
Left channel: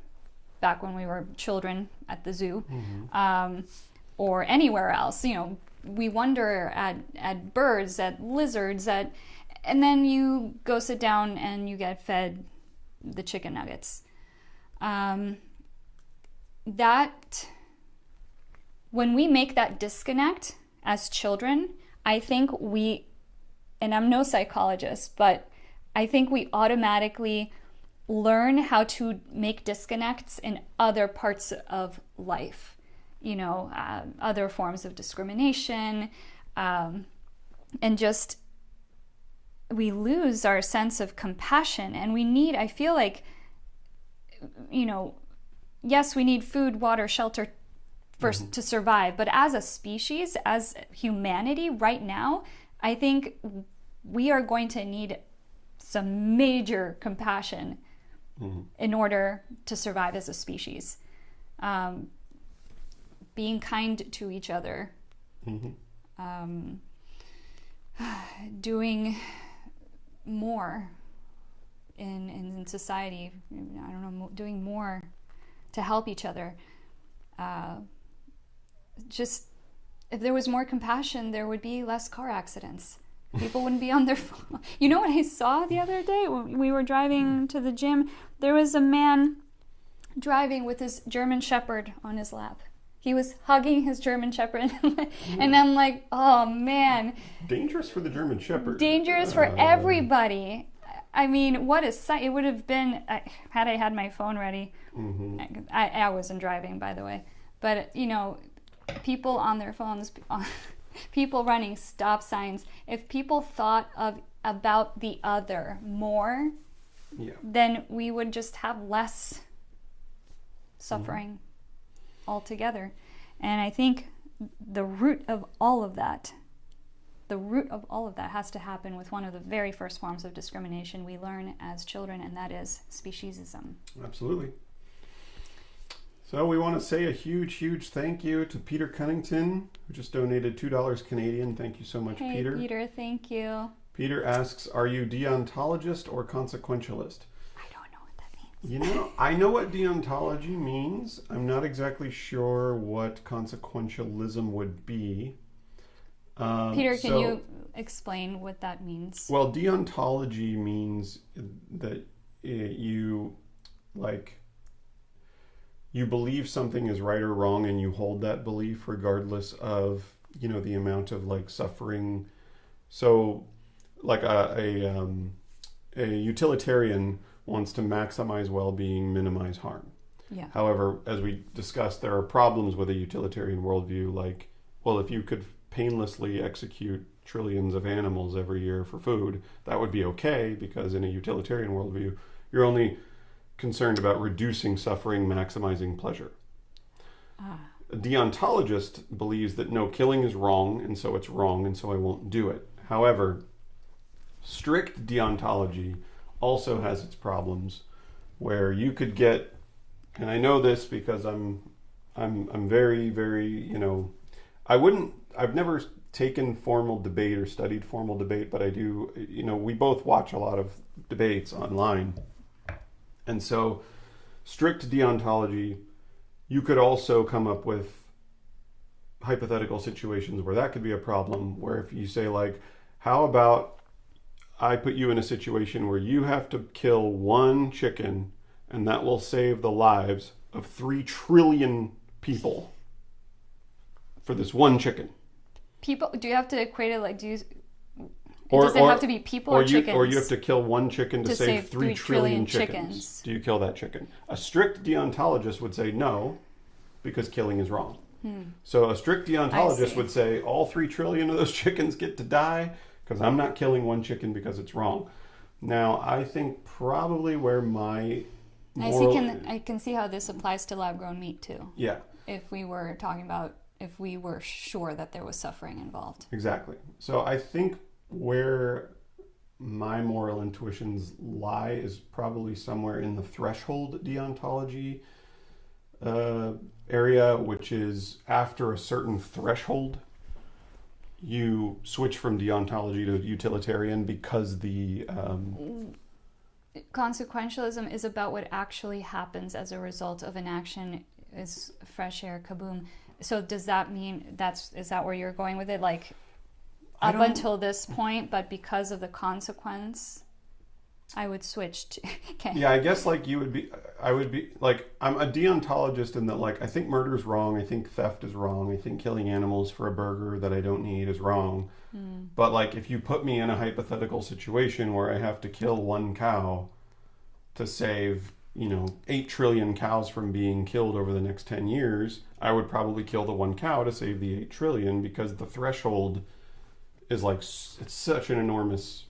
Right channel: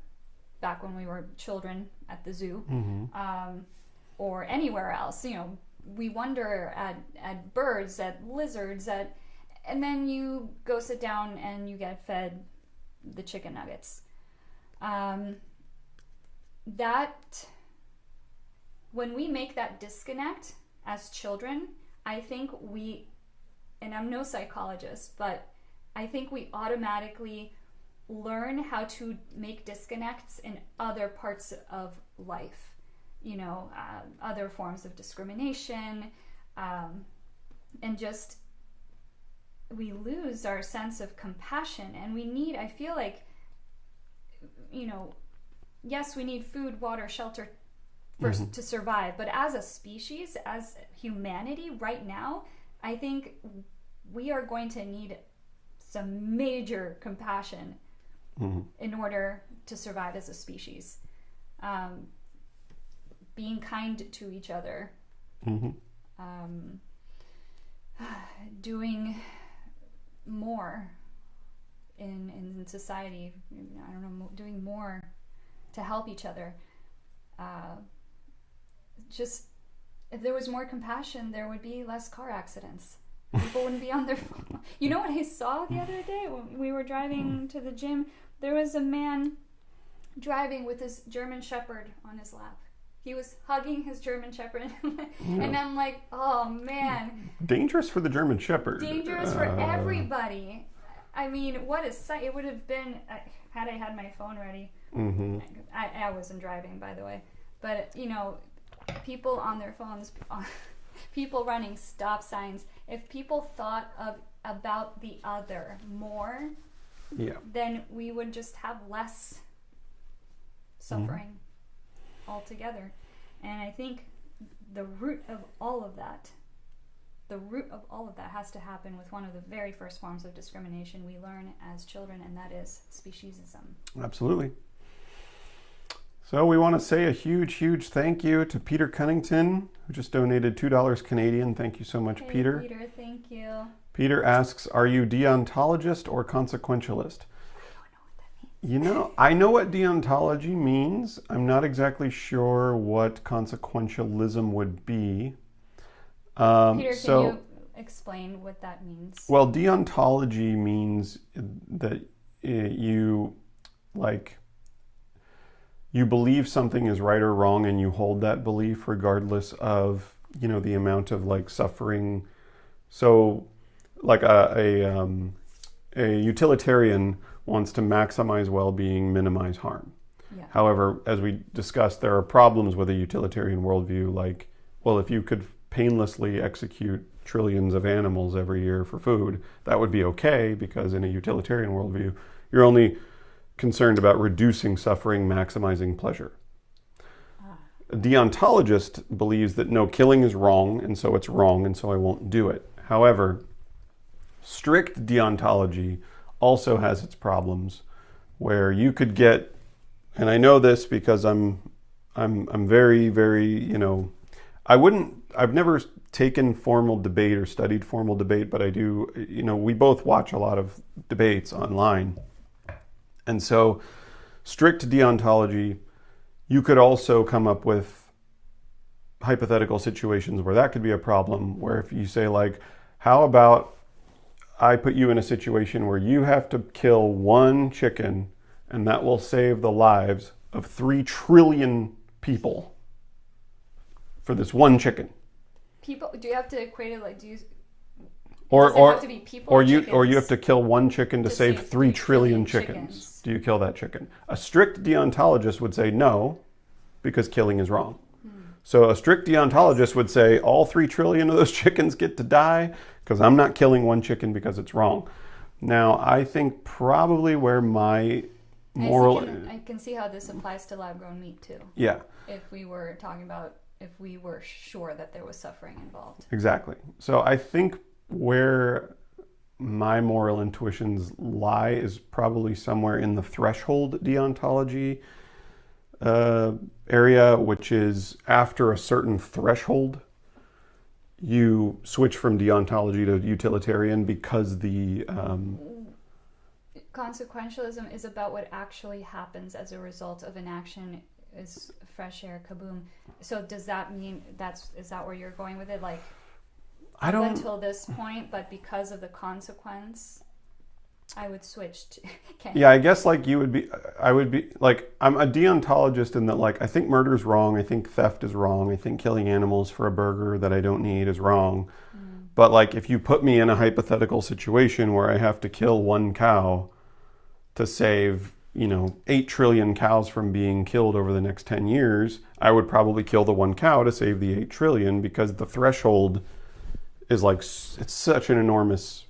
back when we were children at the zoo, or anywhere else. We wonder at birds, at lizards, and then you go sit down and you get fed the chicken nuggets. That when we make that disconnect as children, I think and I'm no psychologist, but I think we automatically learn how to make disconnects in other parts of life, other forms of discrimination, and just we lose our sense of compassion. And I feel like, yes, we need food, water, shelter first to survive. But as a species, as humanity right now, I think we are going to need some major compassion in order to survive as a species. Being kind to each other. Doing more in society. I don't know, doing more to help each other. Just if there was more compassion, there would be less car accidents. People wouldn't be on their phone. You know what I saw the other day when we were driving to the gym? There was a man driving with his German Shepherd on his lap. He was hugging his German Shepherd. And I'm like, oh man. Dangerous for the German Shepherd. Dangerous for everybody. I mean, what a sight. It would have been, had I had my phone ready. Mm-hmm. I wasn't driving, by the way. But, you know, people on their phones, people running stop signs. If people thought about the other more, then we would just have less suffering altogether. And I think the root of all of that has to happen with one of the very first forms of discrimination we learn as children, and that is speciesism. Absolutely. So we want to say a huge, huge thank you to Peter Cunnington, who just donated $2 Canadian. Thank you so much, Peter. Peter, thank you. Peter asks, are you deontologist or consequentialist? I don't know what that means. You know, I know what deontology means. I'm not exactly sure what consequentialism would be. Peter, can you explain what that means? Well, deontology means that you believe something is right or wrong, and you hold that belief regardless of, you know, the amount of like suffering. So like a utilitarian wants to maximize well-being, minimize harm. Yeah. However, as we discussed, there are problems with a utilitarian worldview. Like, well, if you could painlessly execute trillions of animals every year for food, that would be okay, because in a utilitarian worldview, you're only concerned about reducing suffering, maximizing pleasure. A deontologist believes that no, killing is wrong, and so it's wrong, and so I won't do it. However, strict deontology also has its problems, where you could get, and I know this because I'm very, very, you know, I've never taken formal debate or studied formal debate, but I do, you know, we both watch a lot of debates online. And so strict deontology, you could also come up with hypothetical situations where that could be a problem, where if you say like, how about I put you in a situation where you have to kill one chicken and that will save the lives of 3 trillion people for this one chicken. People, do you have to equate it like, does it have to be people or chickens? Or you have to kill one chicken to save 3 trillion chickens. Do you kill that chicken? A strict deontologist would say no, because killing is wrong. So a strict deontologist would say all 3 trillion of those chickens get to die because I'm not killing one chicken because it's wrong. Now, I think probably where my moral... I can see how this applies to lab-grown meat too. Yeah. If we were talking about, if we were sure that there was suffering involved. Exactly. So I think where my moral intuitions lie is probably somewhere in the threshold deontology area, which is after a certain threshold, you switch from deontology to utilitarian, because the consequentialism is about what actually happens as a result of an action. Is fresh air, kaboom. So does that mean is that where you're going with it? Like, up until this point, but because of the consequence, I would switch to... Okay. Yeah, I guess like I would be like, I'm a deontologist in that, like, I think murder's wrong, I think theft is wrong, I think killing animals for a burger that I don't need is wrong. But like, if you put me in a hypothetical situation where I have to kill one cow to save, you know, 8 trillion cows from being killed over the next 10 years, I would probably kill the one cow to save the 8 trillion, because the threshold is like, it's such an enormous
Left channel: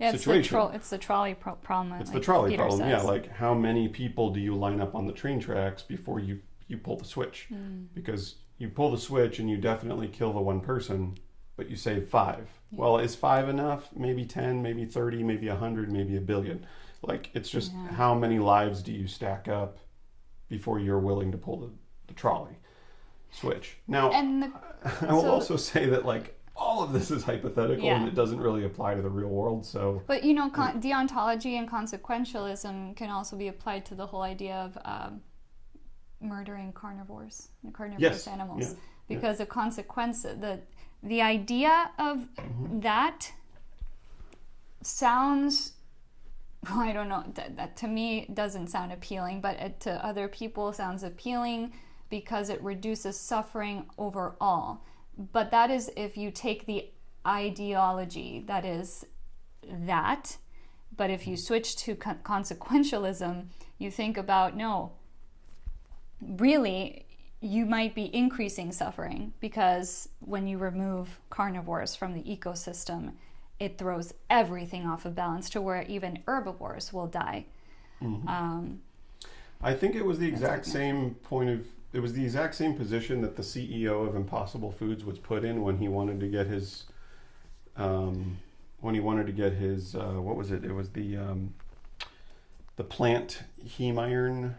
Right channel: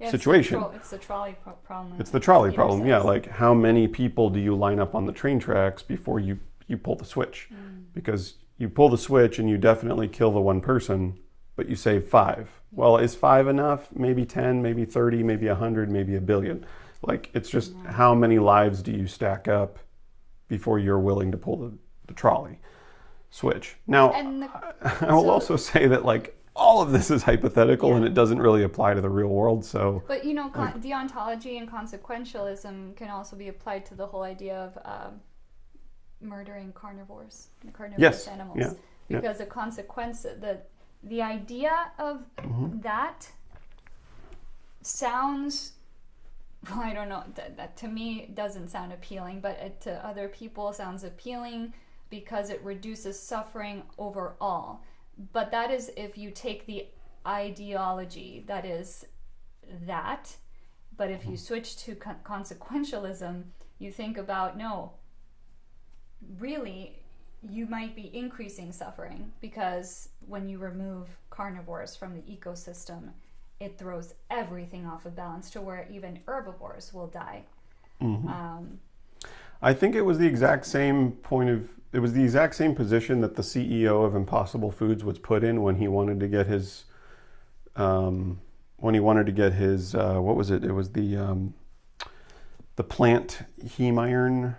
situation. It's the trolley problem. It's the trolley Peter problem, says. yeah. Like, how many people do you line up on the train tracks before you pull the switch? Because you pull the switch and you definitely kill the one person, but you save 5. Well, is 5 enough? Maybe 10, maybe 30, maybe 100, maybe 1 billion. Like, it's just how many lives do you stack up before you're willing to pull the trolley switch? Now, I will also say that, like, all of this is hypothetical and it doesn't really apply to the real world. So, but you know, deontology and consequentialism can also be applied to the whole idea of murdering carnivorous animals, because the consequence, the idea of that sounds, well, I don't know, that to me doesn't sound appealing, but to other people sounds appealing because it reduces suffering overall. But that is if you take the ideology that is that. But if you switch to consequentialism, you think about, no, really, you might be increasing suffering, because when you remove carnivores from the ecosystem, it throws everything off of balance to where even herbivores will die. I think it was the exact same it was the exact same position that the CEO of Impossible Foods was put in when he wanted to get his what was it? It was the plant heme iron.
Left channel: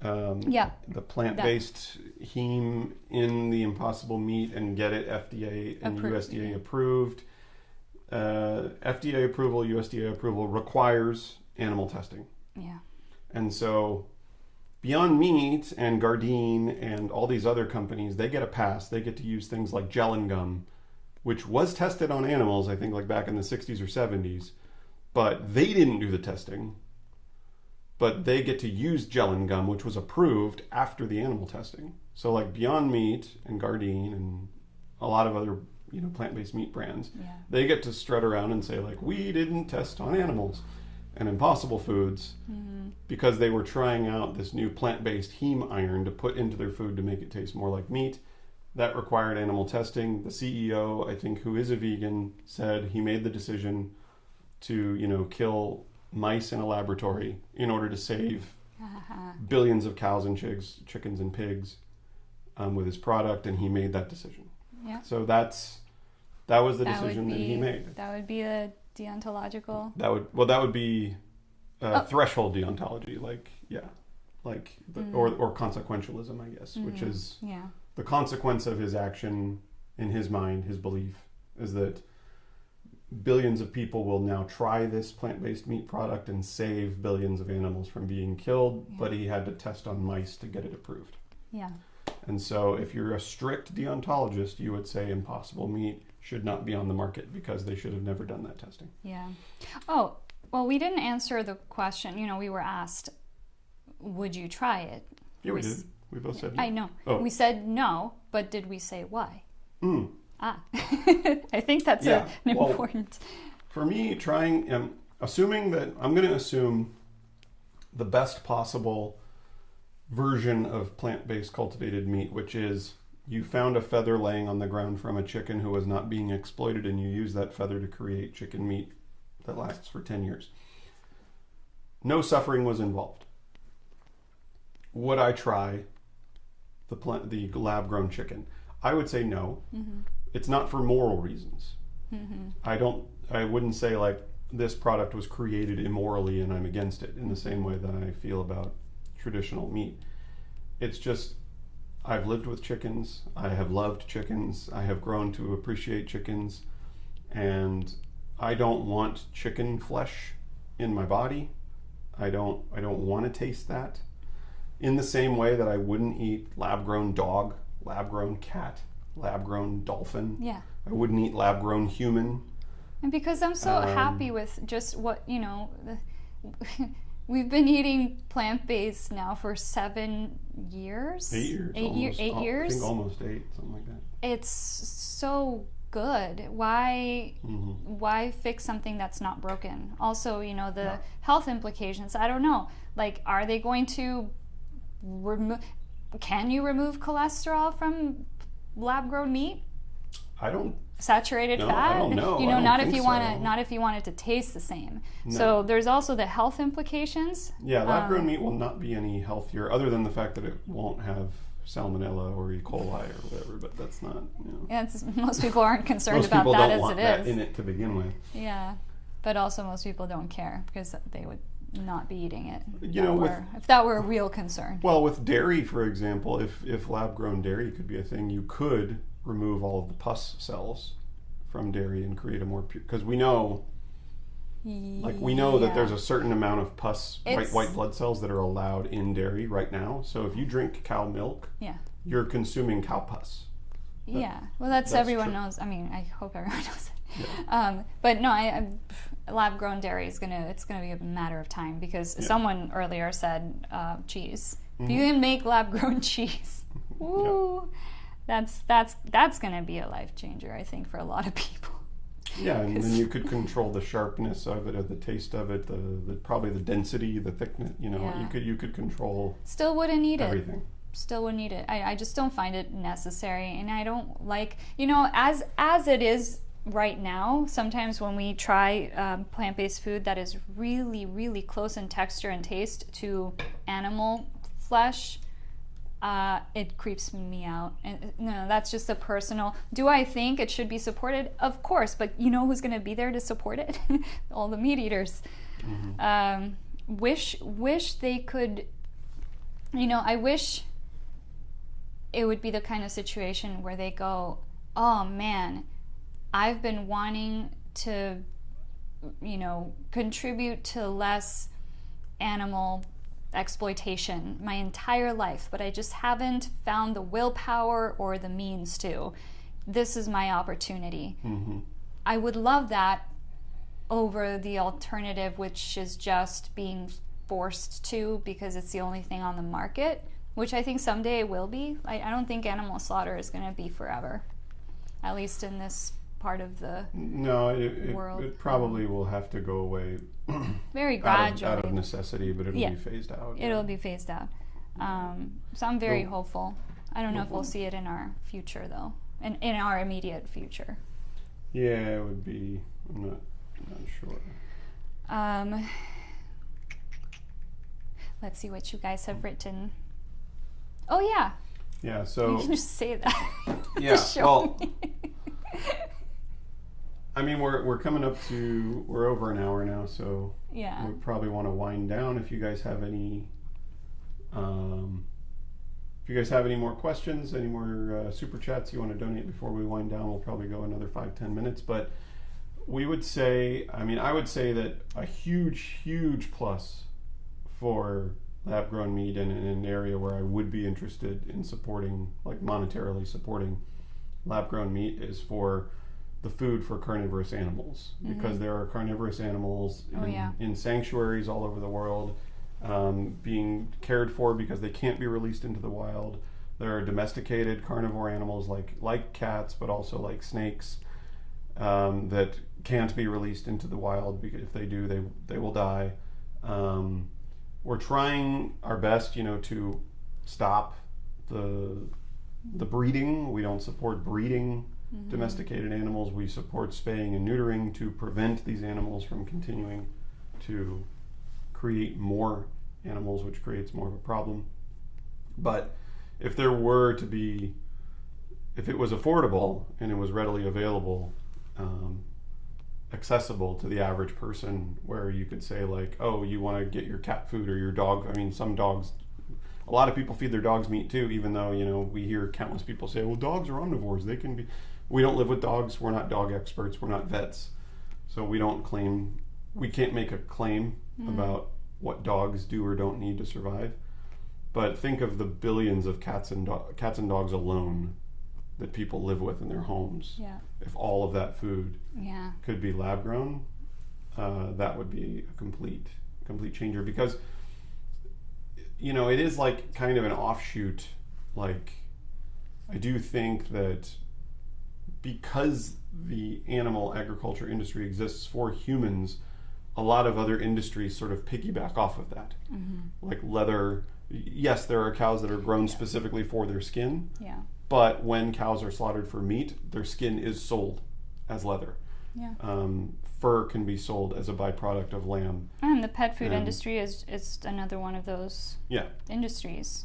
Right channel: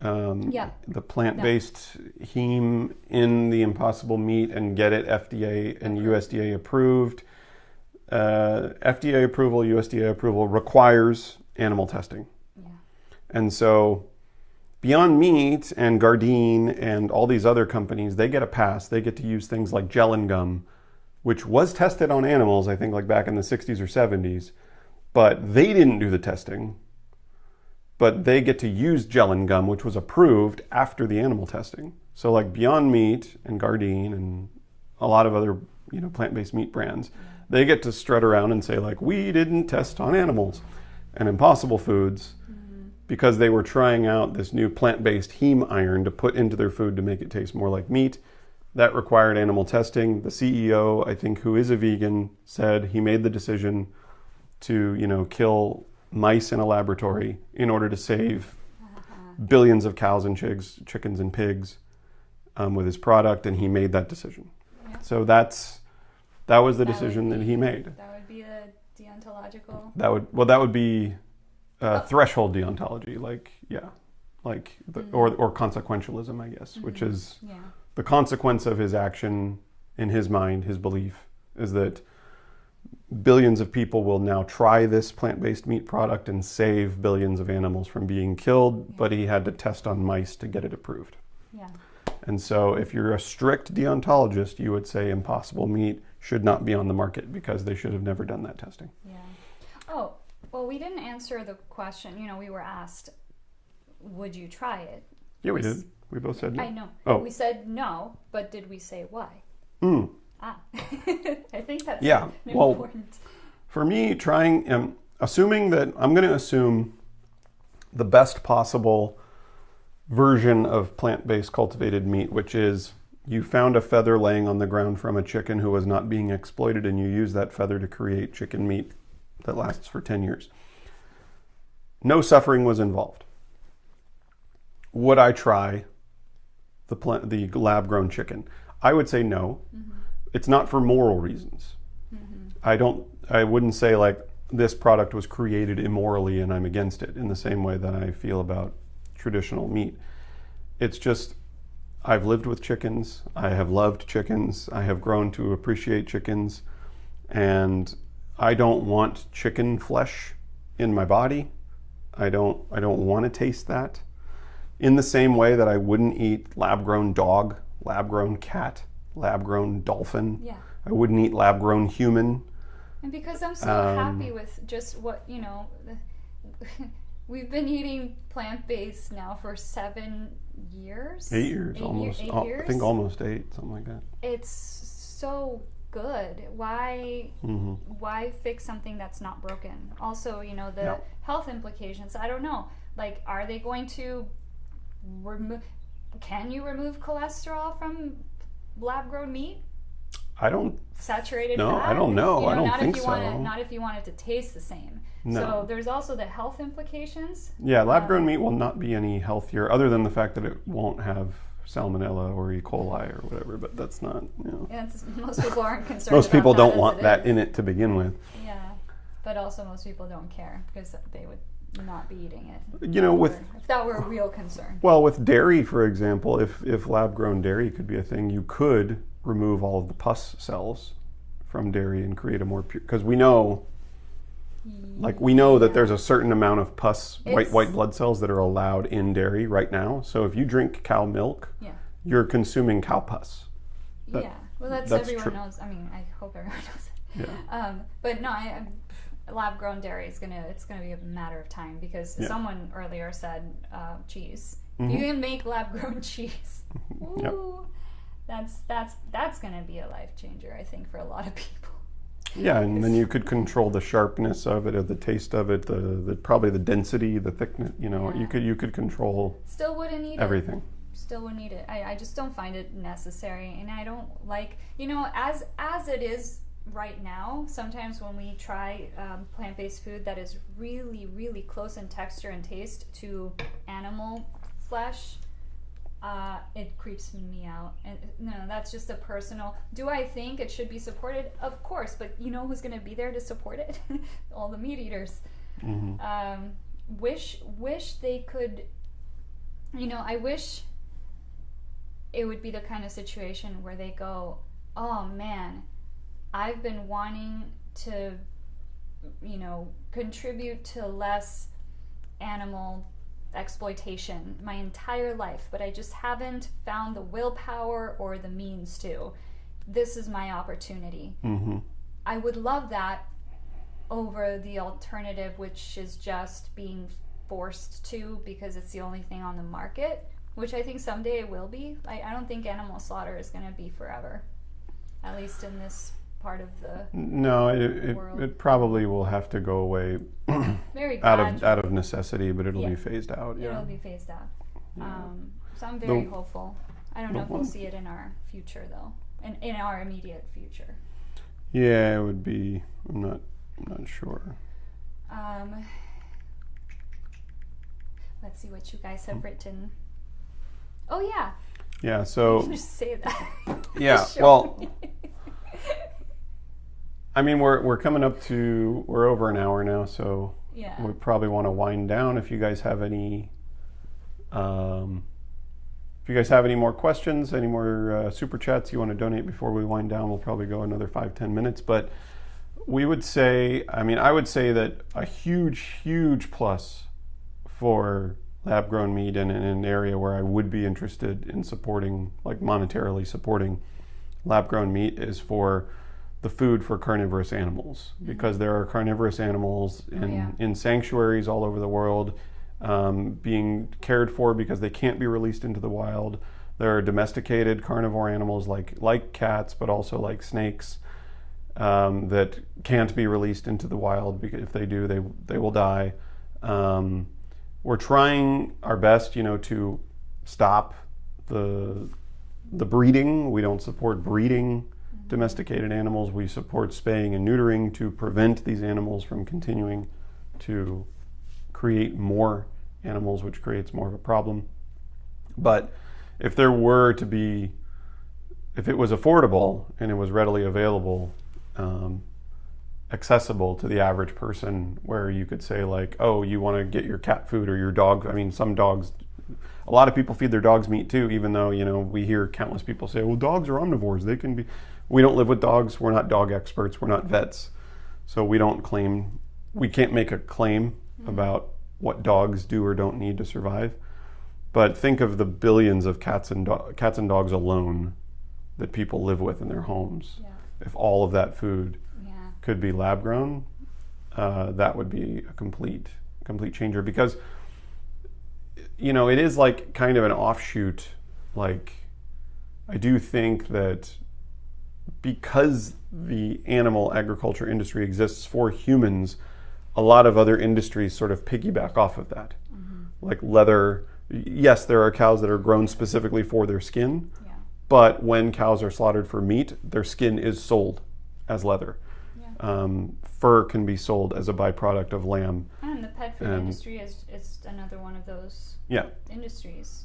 The plant-based heme in the Impossible meat and get it FDA and USDA approved. FDA approval, USDA approval requires animal testing. Yeah. And so Beyond Meat and Gardein and all these other companies, they get a pass. They get to use things like gel and gum, which was tested on animals, I think, like back in the 60s or 70s. But they didn't do the testing. But they get to use gel and gum, which was approved after the animal testing. So like Beyond Meat and Gardein and a lot of other, plant-based meat brands, they get to strut around and say like, we didn't test on animals. And Impossible Foods, because they were trying out this new plant-based heme iron to put into their food to make it taste more like meat, that required animal testing. The CEO, I think, who is a vegan, said he made the decision to, kill mice in a laboratory in order to save billions of cows and chickens and pigs with his product, and he made that decision. Yeah. So that was the decision that he made. That would be a deontological. That would be threshold deontology, or consequentialism, I guess, which is the consequence of his action. In his mind, his belief is that billions of people will now try this plant-based meat product and save billions of animals from being killed, but he had to test on mice to get it approved. Yeah. And so if you're a strict deontologist, you would say Impossible Meat should not be on the market because they should have never done that testing. Yeah. Oh, well, we didn't answer the question. We were asked, would you try it? Yeah, we did. We both said no. I know. Oh. We said no, but did we say why? I think that's important. For me, assuming that I'm going to assume the best possible version of plant-based cultivated meat, which is you found a feather laying on the ground from a chicken who was not being exploited, and you use that feather to create chicken meat that lasts for 10 years. No suffering was involved. Would I try the lab-grown chicken? I would say no. It's not for moral reasons. I wouldn't say like this product was created immorally and I'm against it in the same way that I feel about traditional meat. It's just, I've lived with chickens. I have loved chickens. I have grown to appreciate chickens, and I don't want chicken flesh in my body. I don't want to taste that. In the same way that I wouldn't eat lab-grown dog, lab-grown cat, lab-grown dolphin. Yeah. I wouldn't eat lab-grown human. And because I'm so happy with just what, we've been eating plant-based now for 7 years. 8 years. 8 years. 8 years. I think almost 8, something like that. It's so good. Why fix something that's not broken? Also, the health implications. I don't know. Like, are they going to can you remove cholesterol from lab-grown meat? Saturated fat? I don't know. I don't not think if you so. not if you want it to taste the same. No. So there's also the health implications. Yeah, lab-grown meat will not be any healthier, other than the fact that it won't have salmonella or E. coli or whatever. But that's not. Yeah, most people aren't concerned. Most about people that don't as want it that is. in it to begin with. Yeah, but also most people don't care because they would not be eating it. If that were a real concern. Well, with dairy, for example, if lab-grown dairy could be a thing, you could remove all of the pus cells from dairy and create a more pure. Because we know that there's a certain amount of pus, white blood cells that are allowed in dairy right now. So if you drink cow milk, you're consuming cow pus. Well, that's everyone knows. I mean, I hope everyone knows it. Yeah. But no, lab grown dairy is it's gonna be a matter of time, because someone earlier said cheese. If you can make lab grown cheese, woo, that's gonna be a life changer, I think, for a lot of people. Yeah, and then you could control the sharpness of it, or the taste of it, the probably the density, the thickness. You could control. Still wouldn't need everything. Still wouldn't need it. I just don't find it necessary, and I don't like, as it is right now. Sometimes when we try plant-based food that is really, really close in texture and taste to animal flesh, it creeps me out. And no, that's just a personal. Do I think it should be supported? Of course, but you know who's going to be there to support it? All the meat eaters. Wish they could. I wish it would be the kind of situation where they go, oh man, I've been wanting to, contribute to less animal exploitation my entire life, but I just haven't found the willpower or the means to. This is my opportunity. I would love that over the alternative, which is just being forced to because it's the only thing on the market, which I think someday it will be. I don't think animal slaughter is going to be forever, at least in this part of the world. It probably will have to go away very gradually. out of necessity, but it'll be phased out. It'll be phased out. So I'm very hopeful. I don't know if we'll see it in our future, though, in our immediate future. Yeah, it would be. I'm not sure. Let's see what you guys have written. Oh yeah. Yeah. So you can just say that. Yeah. Well. I mean, we're coming up to, we're over an hour now, so we probably want to wind down. If you guys have any, more questions, any more super chats you want to donate before we wind down, we'll probably go another 5-10 minutes. But I would say that a huge plus for lab-grown meat and in an area where I would be interested in supporting, like monetarily supporting lab-grown meat, is for the food for carnivorous animals, because there are carnivorous animals in sanctuaries all over the world being cared for because they can't be released into the wild. There are domesticated carnivore animals like cats, but also like snakes that can't be released into the wild, because if they do, they will die. We're trying our best, to stop the breeding. We don't support breeding domesticated animals. We support spaying and neutering to prevent these animals from continuing to create more animals, which creates more of a problem. But if it was affordable and it was readily available, accessible to the average person, where you could say like, oh, you want to get your cat food or your dog. I mean, some dogs, a lot of people feed their dogs meat too, even though, we hear countless people say, well, dogs are omnivores. They can be. We don't live with dogs. We're not dog experts. We're not vets. So we can't make a claim about what dogs do or don't need to survive. But think of the billions of cats and dogs alone that people live with in their homes. Yeah. If all of that food could be lab grown, that would be a complete changer, because it is like kind of an offshoot. Like, I do think that because the animal agriculture industry exists for humans, a lot of other industries sort of piggyback off of that. Like leather. Yes, there are cows that are grown specifically for their skin, but when cows are slaughtered for meat, their skin is sold as leather. Fur can be sold as a byproduct of lamb. And the pet food industry is another one of those industries.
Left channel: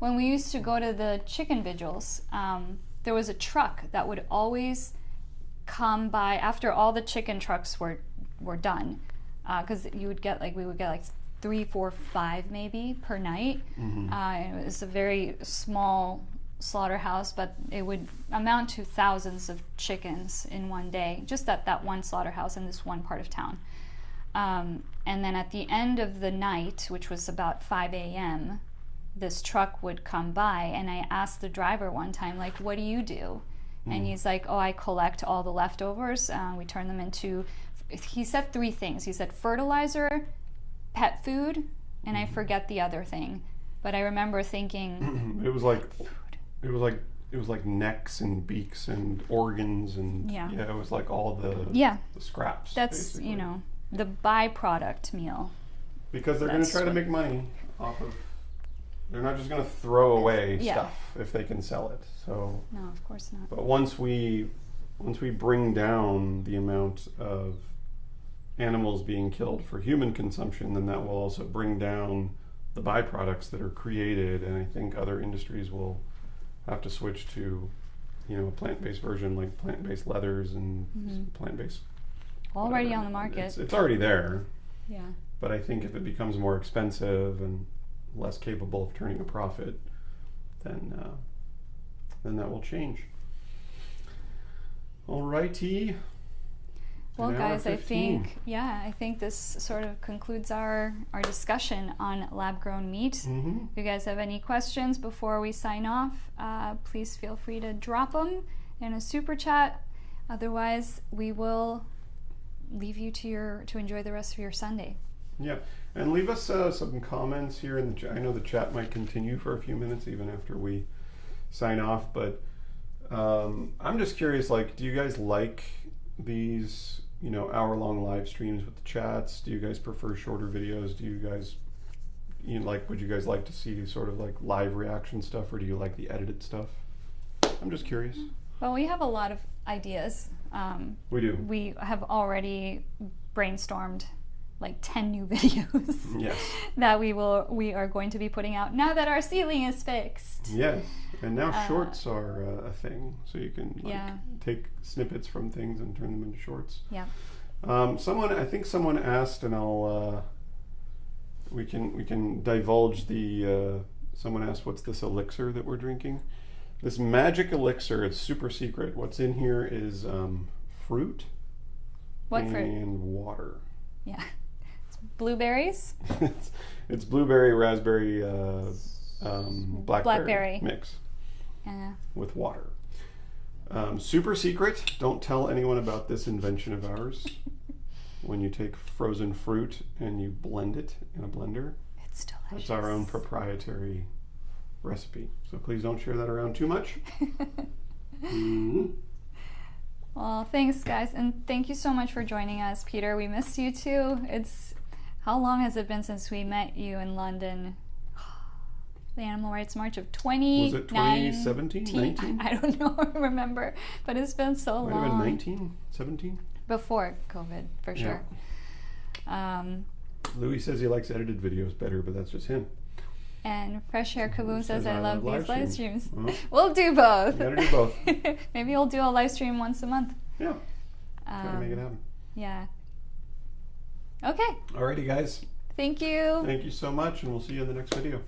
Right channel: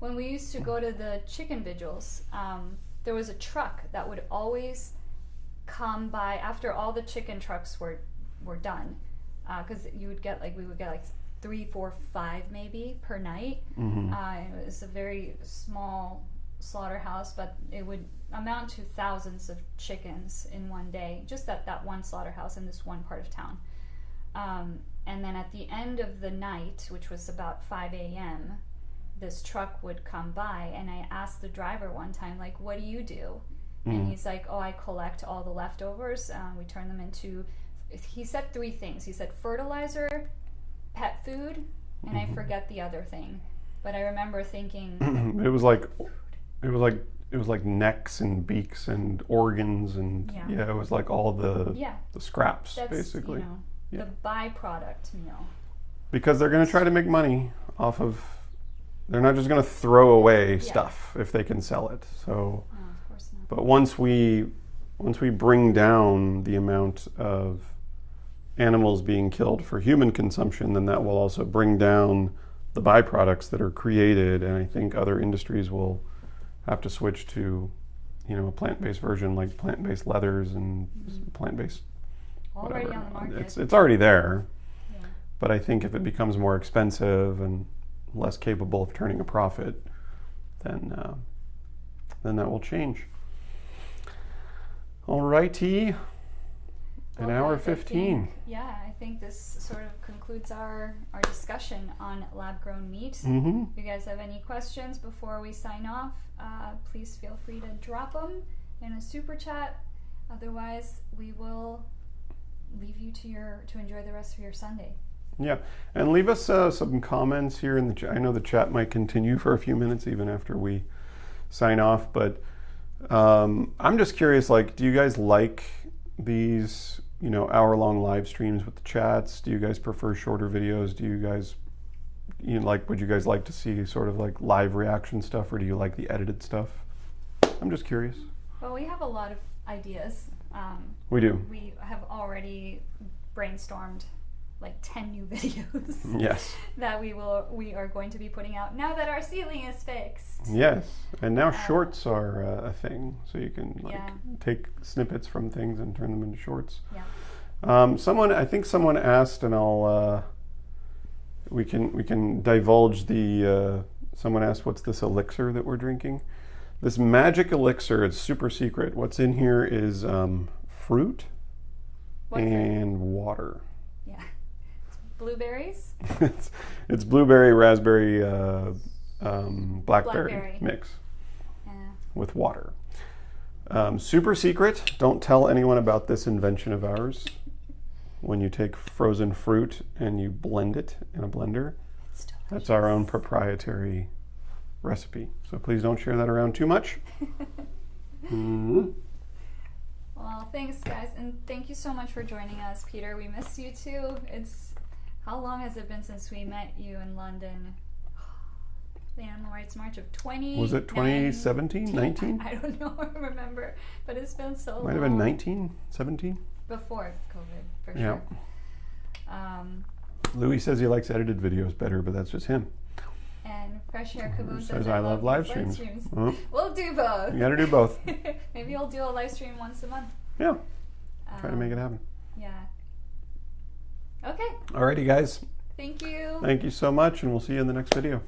When we used to go to the chicken vigils, there was a truck that would always come by after all the chicken trucks were done, because we would get like 3, 4, 5 maybe per night. It was a very small slaughterhouse, but it would amount to thousands of chickens in one day, just at that one slaughterhouse in this one part of town. And then at the end of the night, which was about 5 a.m., this truck would come by, and I asked the driver one time, like, what do you do? And he's like, oh, I collect all the leftovers. We turn them into he said 3 things. He said fertilizer, pet food, and I forget the other thing. But I remember thinking it was like necks and beaks and organs and it was like all the scraps. That's basically. you know, the byproduct meal. Because they're going to try to make money off of. They're not just going to throw away stuff if they can sell it. So no, of course not. But once we bring down the amount of animals being killed for human consumption, then that will also bring down the byproducts that are created, and I think other industries will have to switch to, you know, a plant-based version, like plant-based leathers and plant-based. Already whatever. On the market. It's already there. Yeah. But I think if it becomes more expensive and less capable of turning a profit, then that will change. Alrighty. Well, An hour guys, 15. I think this sort of concludes our discussion on lab-grown meat. Mm-hmm. If you guys have any questions before we sign off, please feel free to drop them in a super chat. Otherwise, we will leave you to enjoy the rest of your Sunday. Yeah, and leave us some comments here in the chat. I know the chat might continue for a few minutes even after we sign off, but I'm just curious, like, do you guys like these, you know, hour-long live streams with the chats? Do you guys prefer shorter videos? Do you guys, would you guys like to see sort of like live reaction stuff, or do you like the edited stuff? I'm just curious. Well, we have a lot of ideas. We do. We have already brainstormed like 10 new videos. Yes. That we are going to be putting out now that our ceiling is fixed. Yes, and now shorts are a thing, so you can take snippets from things and turn them into shorts. Yeah. I think someone asked, and we can divulge the. Someone asked, "What's this elixir that we're drinking?" This magic elixir. It's super secret. What's in here is fruit and water. Yeah. Blueberries. it's blueberry, raspberry, blackberry mix with water. Super secret. Don't tell anyone about this invention of ours. When you take frozen fruit and you blend it in a blender, it's delicious. That's our own proprietary recipe. So please don't share that around too much. Well, thanks, guys, and thank you so much for joining us, Peter. We missed you too. How long has it been since we met you in London? The Animal Rights March of 2019? Was it 2017, 19? I don't know, I remember, but it's been so long. Might have been 19, 17? Before COVID, for sure. Yeah. Louis says he likes edited videos better, but that's just him. And Fresh Air Kaboom says I love these live streams. Well, we'll do both. You gotta do both. Maybe we'll do a live stream once a month. Yeah. Try to make it happen. Yeah. Okay. Alrighty, guys. Thank you. Thank you so much, and we'll see you in the next video.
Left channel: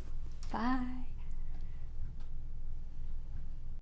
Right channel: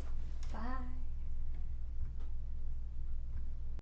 Bye.